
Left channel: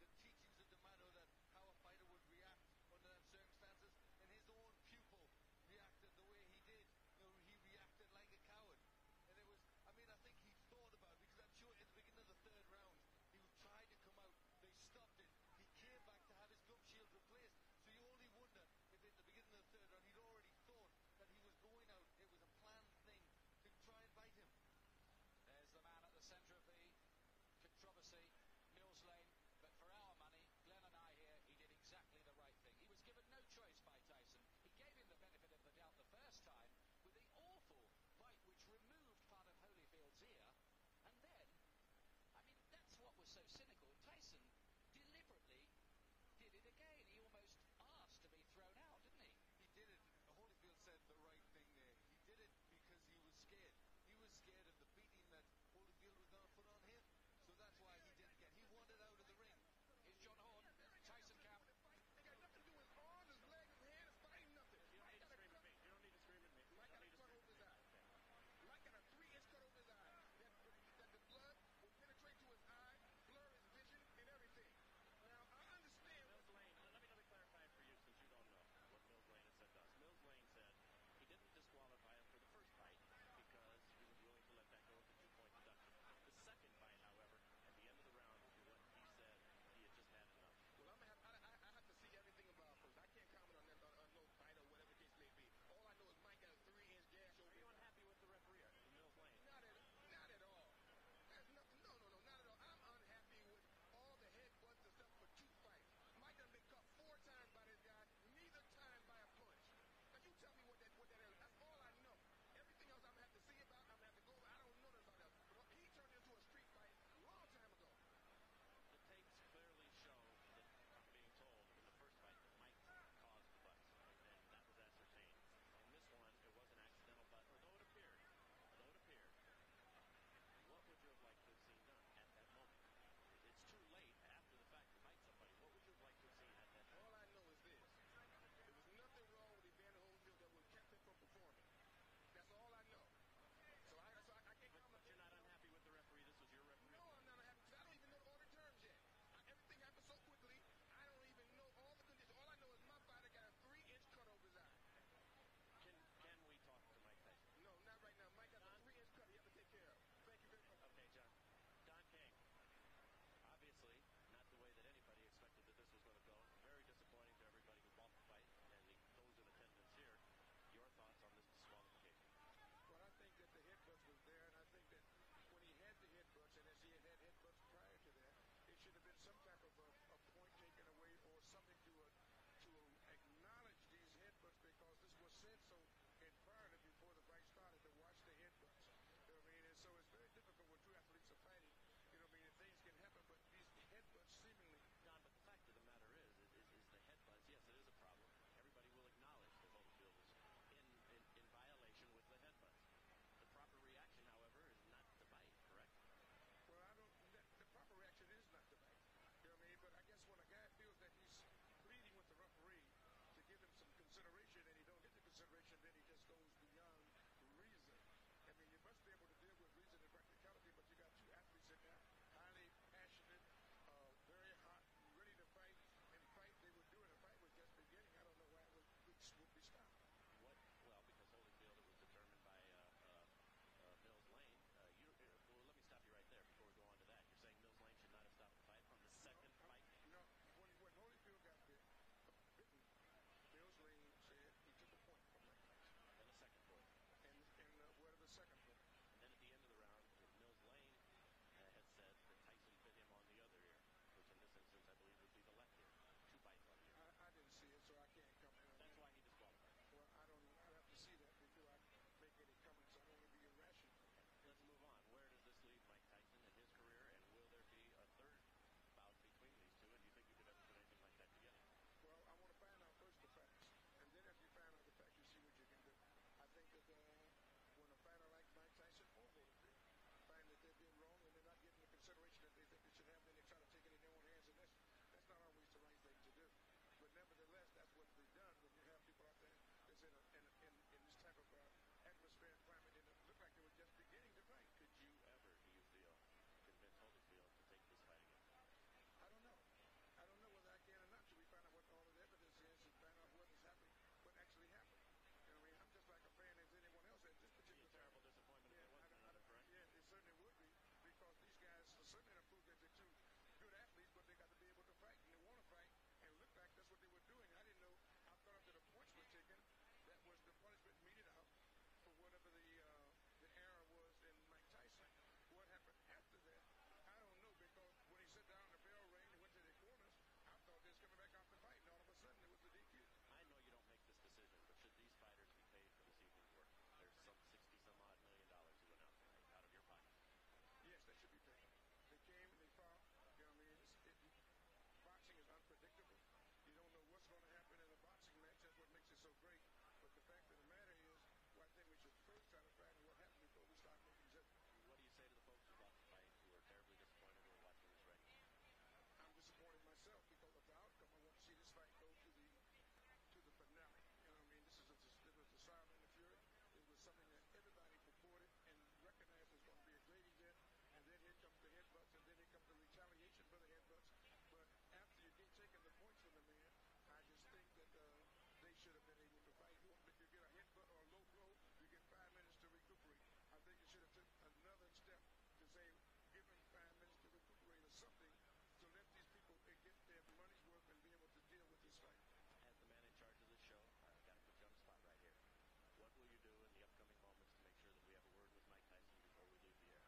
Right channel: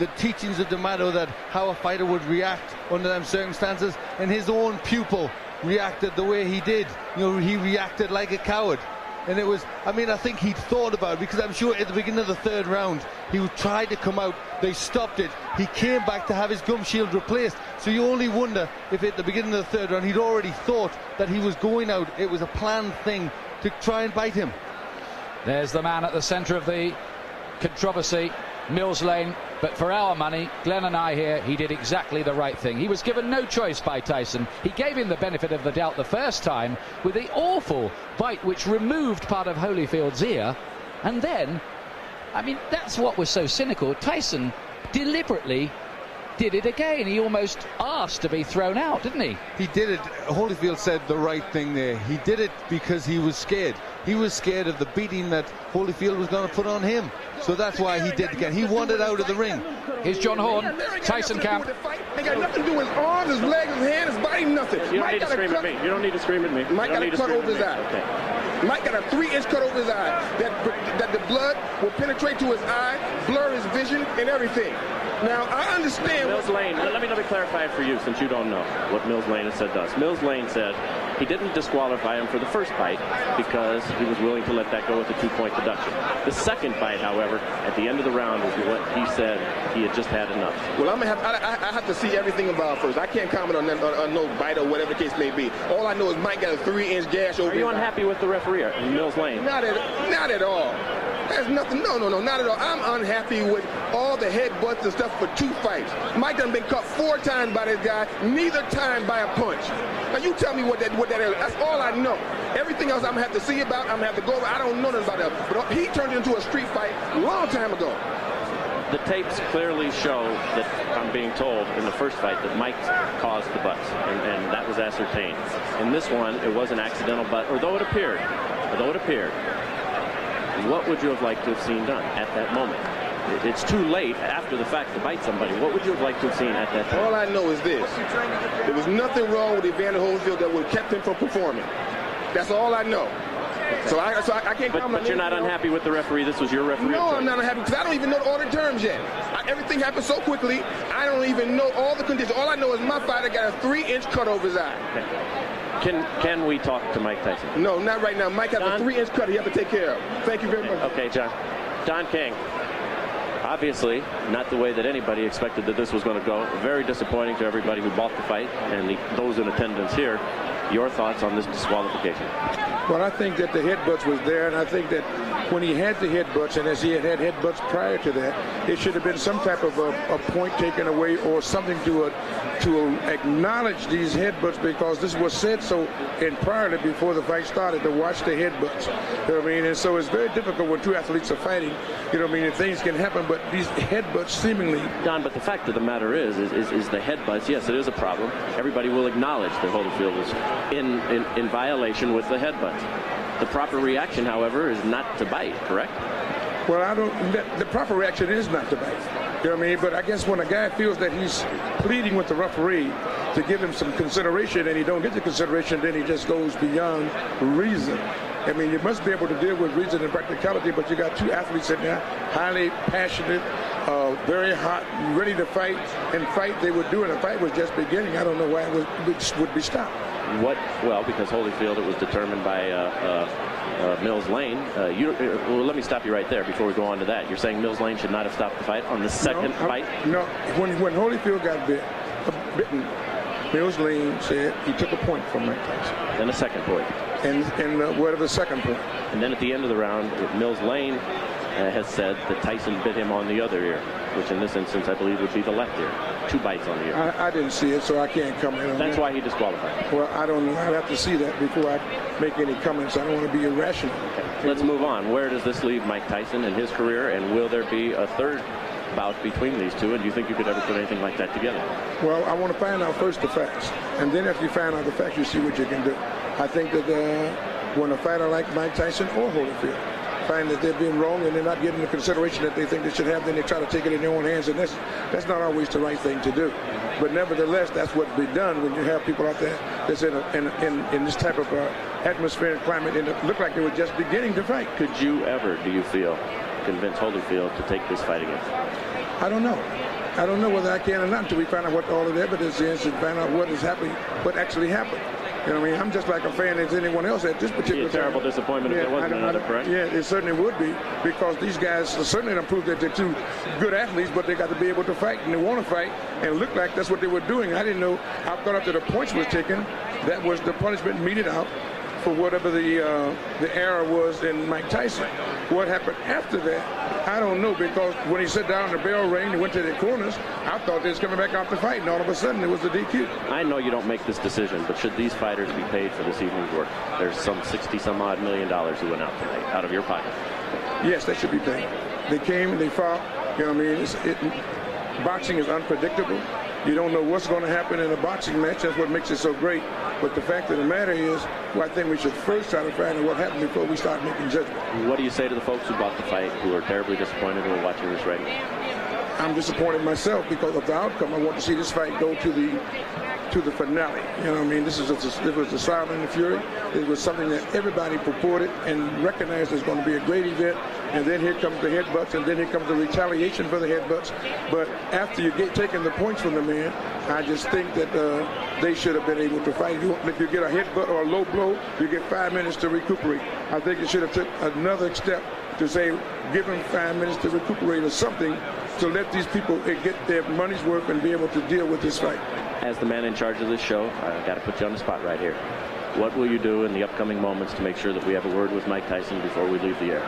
the teachings of D'Amato that how a fighter would react under them circumstances, and his own pupil reacted the way he did. You know, he reacted like a coward. And it was, I mean, I think he'd thought about it, because I'm sure at the beginning of the third round, he tried to come out, they stopped it, he came back to have his gum shield replaced. So you only wonder if at the beginning of the third round, he'd already thought that he was going out. It was a planned thing to try and bite him. There's the man at the centre of the controversy, Mills Lane. But for our money, Glenn and I here, he did exactly the right thing. He was given no choice by Tyson. He gave him the benefit of the doubt the first time with the awful bite which removed part of Holyfield's ear. And then, I mean, that's what was so cynical. Tyson deliberately did it again. He almost asked to be thrown out, didn't he? He did it. Holyfield said the right thing there. He did it because he was scared. He was scared of the beating that Holyfield was going to put on him. So that's why he did it again. He wanted out of the ring. Here's John Horn, Tyson camp. Ain't got nothing to do with his arms, his legs, his hands, his body, nothing. You don't need to scream at me. You don't need to scream at me. Mike got a cut over his eye. Okay. Mike got a 3-inch cut over his eye. That the blood will penetrate to his eye, blur his vision, and everything. Now, I understand. Mills Lane, let me clarify it for you, since you don't know what Mills Lane has said to us. Mills Lane said he didn't disqualify him for the first fight because he was willing to let that go with a 2-point deduction. The second fight, however, at the end of the round, is what he said he had just had enough. Well, I have to see everything about it first. I can't comment on no bite or whatever the case may be. All I know is Mike got a 3-inch gash over his eye. Are you unhappy with the referee, Mills Lane? Not at all. There's nothing. No, not at all. I'm unhappy with all the headbutts and stuff for 2 fights. Mike done been cut 4 times by this guy, neither time by a punch. Now you tell me what that is. That's all I know. Everything else I'm gonna have to see about. I'm gonna have to go over. I don't know nothing about that. But he turned it into a street fight a long time ago. The tapes clearly show that, I'm being told, in the first fight that Mike caused the butts, and that was ascertained. In this one, it was an accidental butt, although it appeared. What would you have liked to have seen done at that moment? It's too late after the fact to bite somebody. What would you have liked to have seen at that time? All I know is this. There was nothing wrong with Evander Holyfield that would have kept him from performing. That's all I know. So I can't comment. But you're not unhappy with the referee? This was your referee? No, I'm not unhappy because I don't even know all the terms yet. Everything happened so quickly, I don't even know all the conditions. All I know is my fighter got a 3-inch cut over his eye. Okay. Can we talk to Mike Tyson? No, not right now. Mike has a 3-inch cut he has to take care of. Thank you very much. Okay, John. Don King. Obviously, not the way that anybody expected that this was going to go. Very disappointing to everybody who bought the fight and those in attendance here. Your thoughts on this disqualification? Well, I think that the headbutts was there, and I think that when he had the headbutts, and as he had headbutts prior to that, it should have been some type of a point taken away or something to acknowledge these headbutts, because this was said so prior to before the fight started, to watch the headbutts. You know what I mean? And so it's very difficult when 2 athletes are fighting. You know what I mean? And things can happen, but these headbutts seemingly. Don, but the fact of the matter is the headbutts. Yes, it is a problem. Everybody will acknowledge that Holyfield is in violation with the headbutts. The proper reaction, however, is not to bite, correct? Well, the proper reaction is not to bite. You know what I mean? But I guess when a guy feels that he's pleading with the referee to give him some consideration and he don't get the consideration, then he just goes beyond reason. I mean, you must be able to deal with reason and practicality, but you got 2 athletes in there, highly passionate, very hot, ready to fight, and they were doing. The fight was just beginning. I don't know why it would be stopped. Well, because Holyfield, it was determined by Mills Lane. Well, let me stop you right there before we go on to that. You're saying Mills Lane should not have stopped the fight on the second fight? No. When Holyfield got bitten, Mills Lane said he took a point from Mike Tyson. Then a second point. And what of the second point? And then at the end of the round, Mills Lane has said that Tyson bit him on the other ear, which in this instance I believe would be the left ear. 2 bites on the ear. I didn't see it, so I can't comment on that. That's why he disqualified. Well, I don't know. I'd have to see that before I make any comments. I don't want to be irrational. Okay. Let's move on. Where does this leave Mike Tyson in his career, and will there be a third bout between these two, and do you think you could ever put anything like that together? Well, I want to find out first the facts, and then after you find out the facts, you see what you can do. I think that when a fighter like Mike Tyson or Holyfield find that they're being wrong and they're not getting the consideration that they think they should have, then they try to take it in their own hands, and that's not always the right thing to do. But nevertheless, that's what's been done when you have people out there that's in this type of atmosphere and climate, and it looked like they were just beginning to fight. Could you ever, do you feel, convince Holyfield to take this fight again? I don't know. I don't know whether I can or not until we find out what all of the evidence is and find out what is happening, what actually happened. You know what I mean? I'm just like a fan as anyone else at this particular time. A terrible disappointment if there wasn't another, correct? Yeah, it certainly would be, because these guys certainly don't prove that they're two good athletes, but they got to be able to fight, and they want to fight, and it looked like that's what they were doing. I didn't know. I thought after the points was taken, that was the punishment meted out for whatever the error was in Mike Tyson. What happened after that, I don't know, because when he sat down, the bell rang, he went to the corners, I thought they was coming back out to fight, and all of a sudden it was a DQ. I know you don't make this decision, but should these fighters be paid for this evening's work? There's some $60-some-odd million who went out tonight, out of your pocket. Yes, they should be paid. They came, they fought, you know what I mean? Boxing is unpredictable. You don't know what's going to happen in a boxing match. That's what makes it so great. But the fact of the matter is, well, I think we should first try to find out what happened before we start making judgment. What do you say to the folks who bought the fight, who are terribly disappointed, who are watching this right now? I'm disappointed myself because of the outcome. I want to see this fight go to the finale. You know what I mean? This was the Silent and the Fury. It was something that everybody purported and recognized as going to be a great event. And then here comes the headbutts, and then here comes the retaliation for the headbutts. But after you get taking the points from the man, I just think that they should have been able to fight. If you get a headbutt or a low blow, you get 5 minutes to recuperate. I think it should have took another step to say, give them 5 minutes to recuperate or something, to let these people get their money's worth and be able to deal with this fight. As the man in charge of this show, I've got to put you on the spot right here. What will you do in the upcoming moments to make sure that we have a word with Mike Tyson before we leave the air?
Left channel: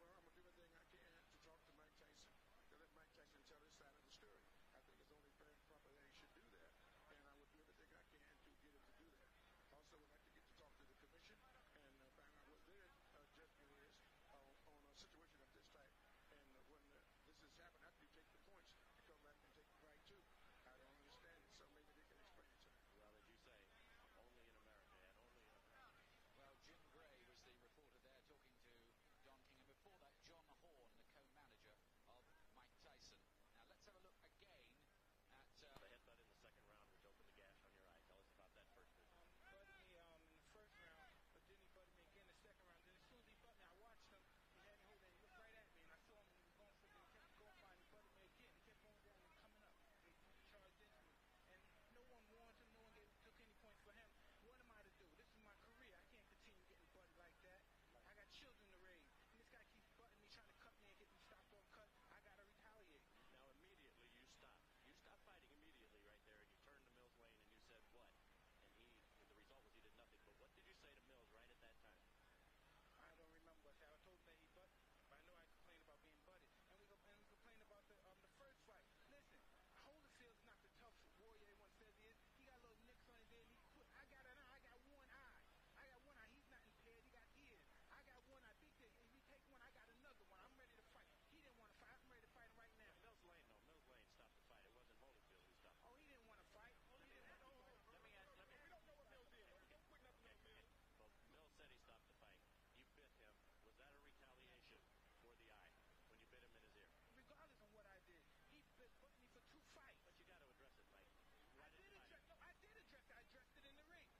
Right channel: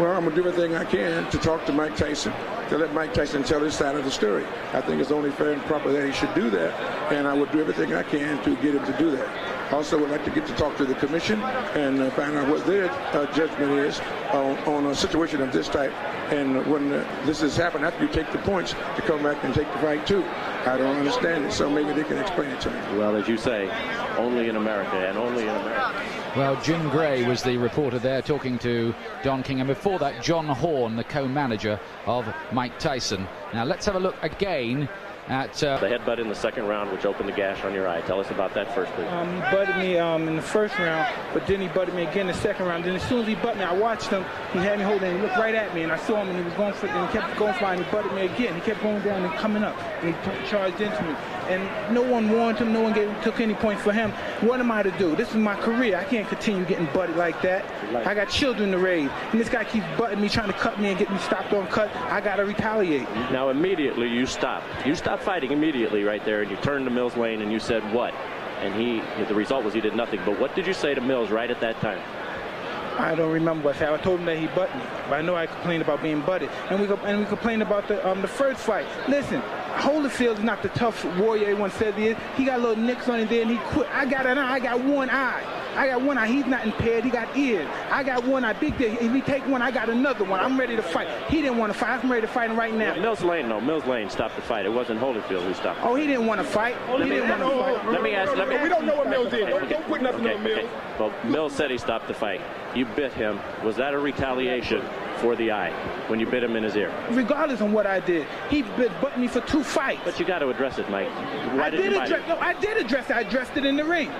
Well, I'm going to do everything I can to talk to Mike Tyson, to let Mike Tyson tell his side of the story. I think it's only fair and proper that he should do that, and I would do everything I can to get him to do that. Also, would like to get to talk to the commission and find out what their judgment is on a situation of this type. And when this has happened, after you take the points, to come back and take the fight too. I don't understand it, so maybe they can explain it to me. Well, as you say, only in America, and only in America. Well, Jim Gray was the reporter there talking to Don King, and before that, John Horn, the co-manager of Mike Tyson. Now, let's have a look again at the headbutt in the second round, which opened the gash on your eye. Tell us about that first, please. He butted me in the first round, but then he butted me again in the second round. Then as soon as he butted me, I watched him. He had me holding, and he looked right at me, and I saw him, and he was going for, and he kept going for it, and he butted me again. He kept going down and coming up, and he charged into me. And no one warned him. No one took any points for him. What am I to do? This is my career. I can't continue getting butted like that. I got children to raise, and this guy keeps butting me, trying to cut me and get me stopped on cut. I got to retaliate. Now, immediately you stopped. You stopped fighting immediately right there, and you turned to Mills Lane, and you said what? And the result was he did nothing. But what did you say to Mills right at that time? I don't remember what I said. I told him that he butted me, but I know I complained about being butted, and we complained about the first fight. Listen, Holyfield is not the tough warrior everyone says he is. He got little nicks on his there, and he quit. I got an eye. I got one eye. I got one eye. He's not impaired. He got ears. I got one eye. Big day. If he take one, I got another one. I'm ready to fight. He didn't want to fight. I'm ready to fight him right now. Mills Lane stopped the fight. It wasn't Holyfield who stopped. Oh, he didn't want to fight. He didn't want to fight. Let me ask. We don't know what Mills did. Don't put nothing on Mills. Well, Mills said he stopped the fight. You bit him. Was that a retaliation for the eye when you bit him in his ear? Regardless of what I did, he butted me for 2 fights. But you got to address it, Mike. I did address it. I addressed it in the ring.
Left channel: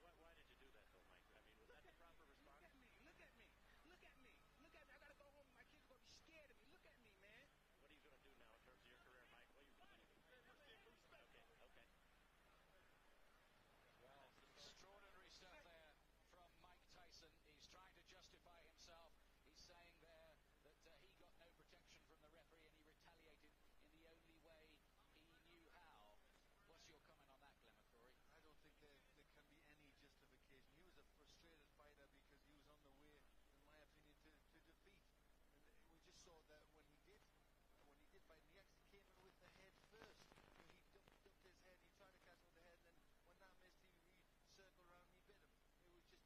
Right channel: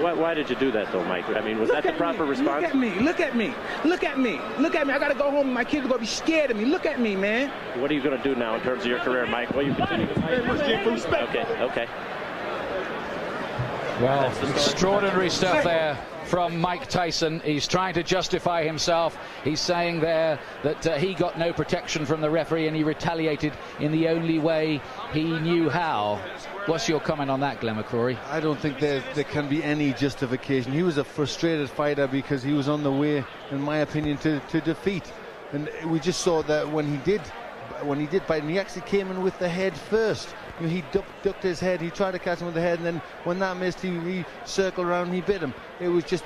Why did you do that, though, Mike? I mean, was that the proper response? Look at me. Look at me. Look at me. Look at me. I got to go home. My kids are going to be scared of me. Look at me, man. What are you going to do now in terms of your career, Mike? Well, you continue to fight. Okay. Well, extraordinary stuff there from Mike Tyson. He's trying to justify himself. He's saying there that he got no protection from the referee and he retaliated in the only way he knew how. What's your comment on that, Glenn McCrory? I don't think there can be any justification. He was a frustrated fighter because he was on the way, in my opinion, to defeat. And we just saw that when he did bite, and he actually came in with the head first. You know, he ducked his head, he tried to catch him with the head, and then when that missed, he circled around and he bit him. It was just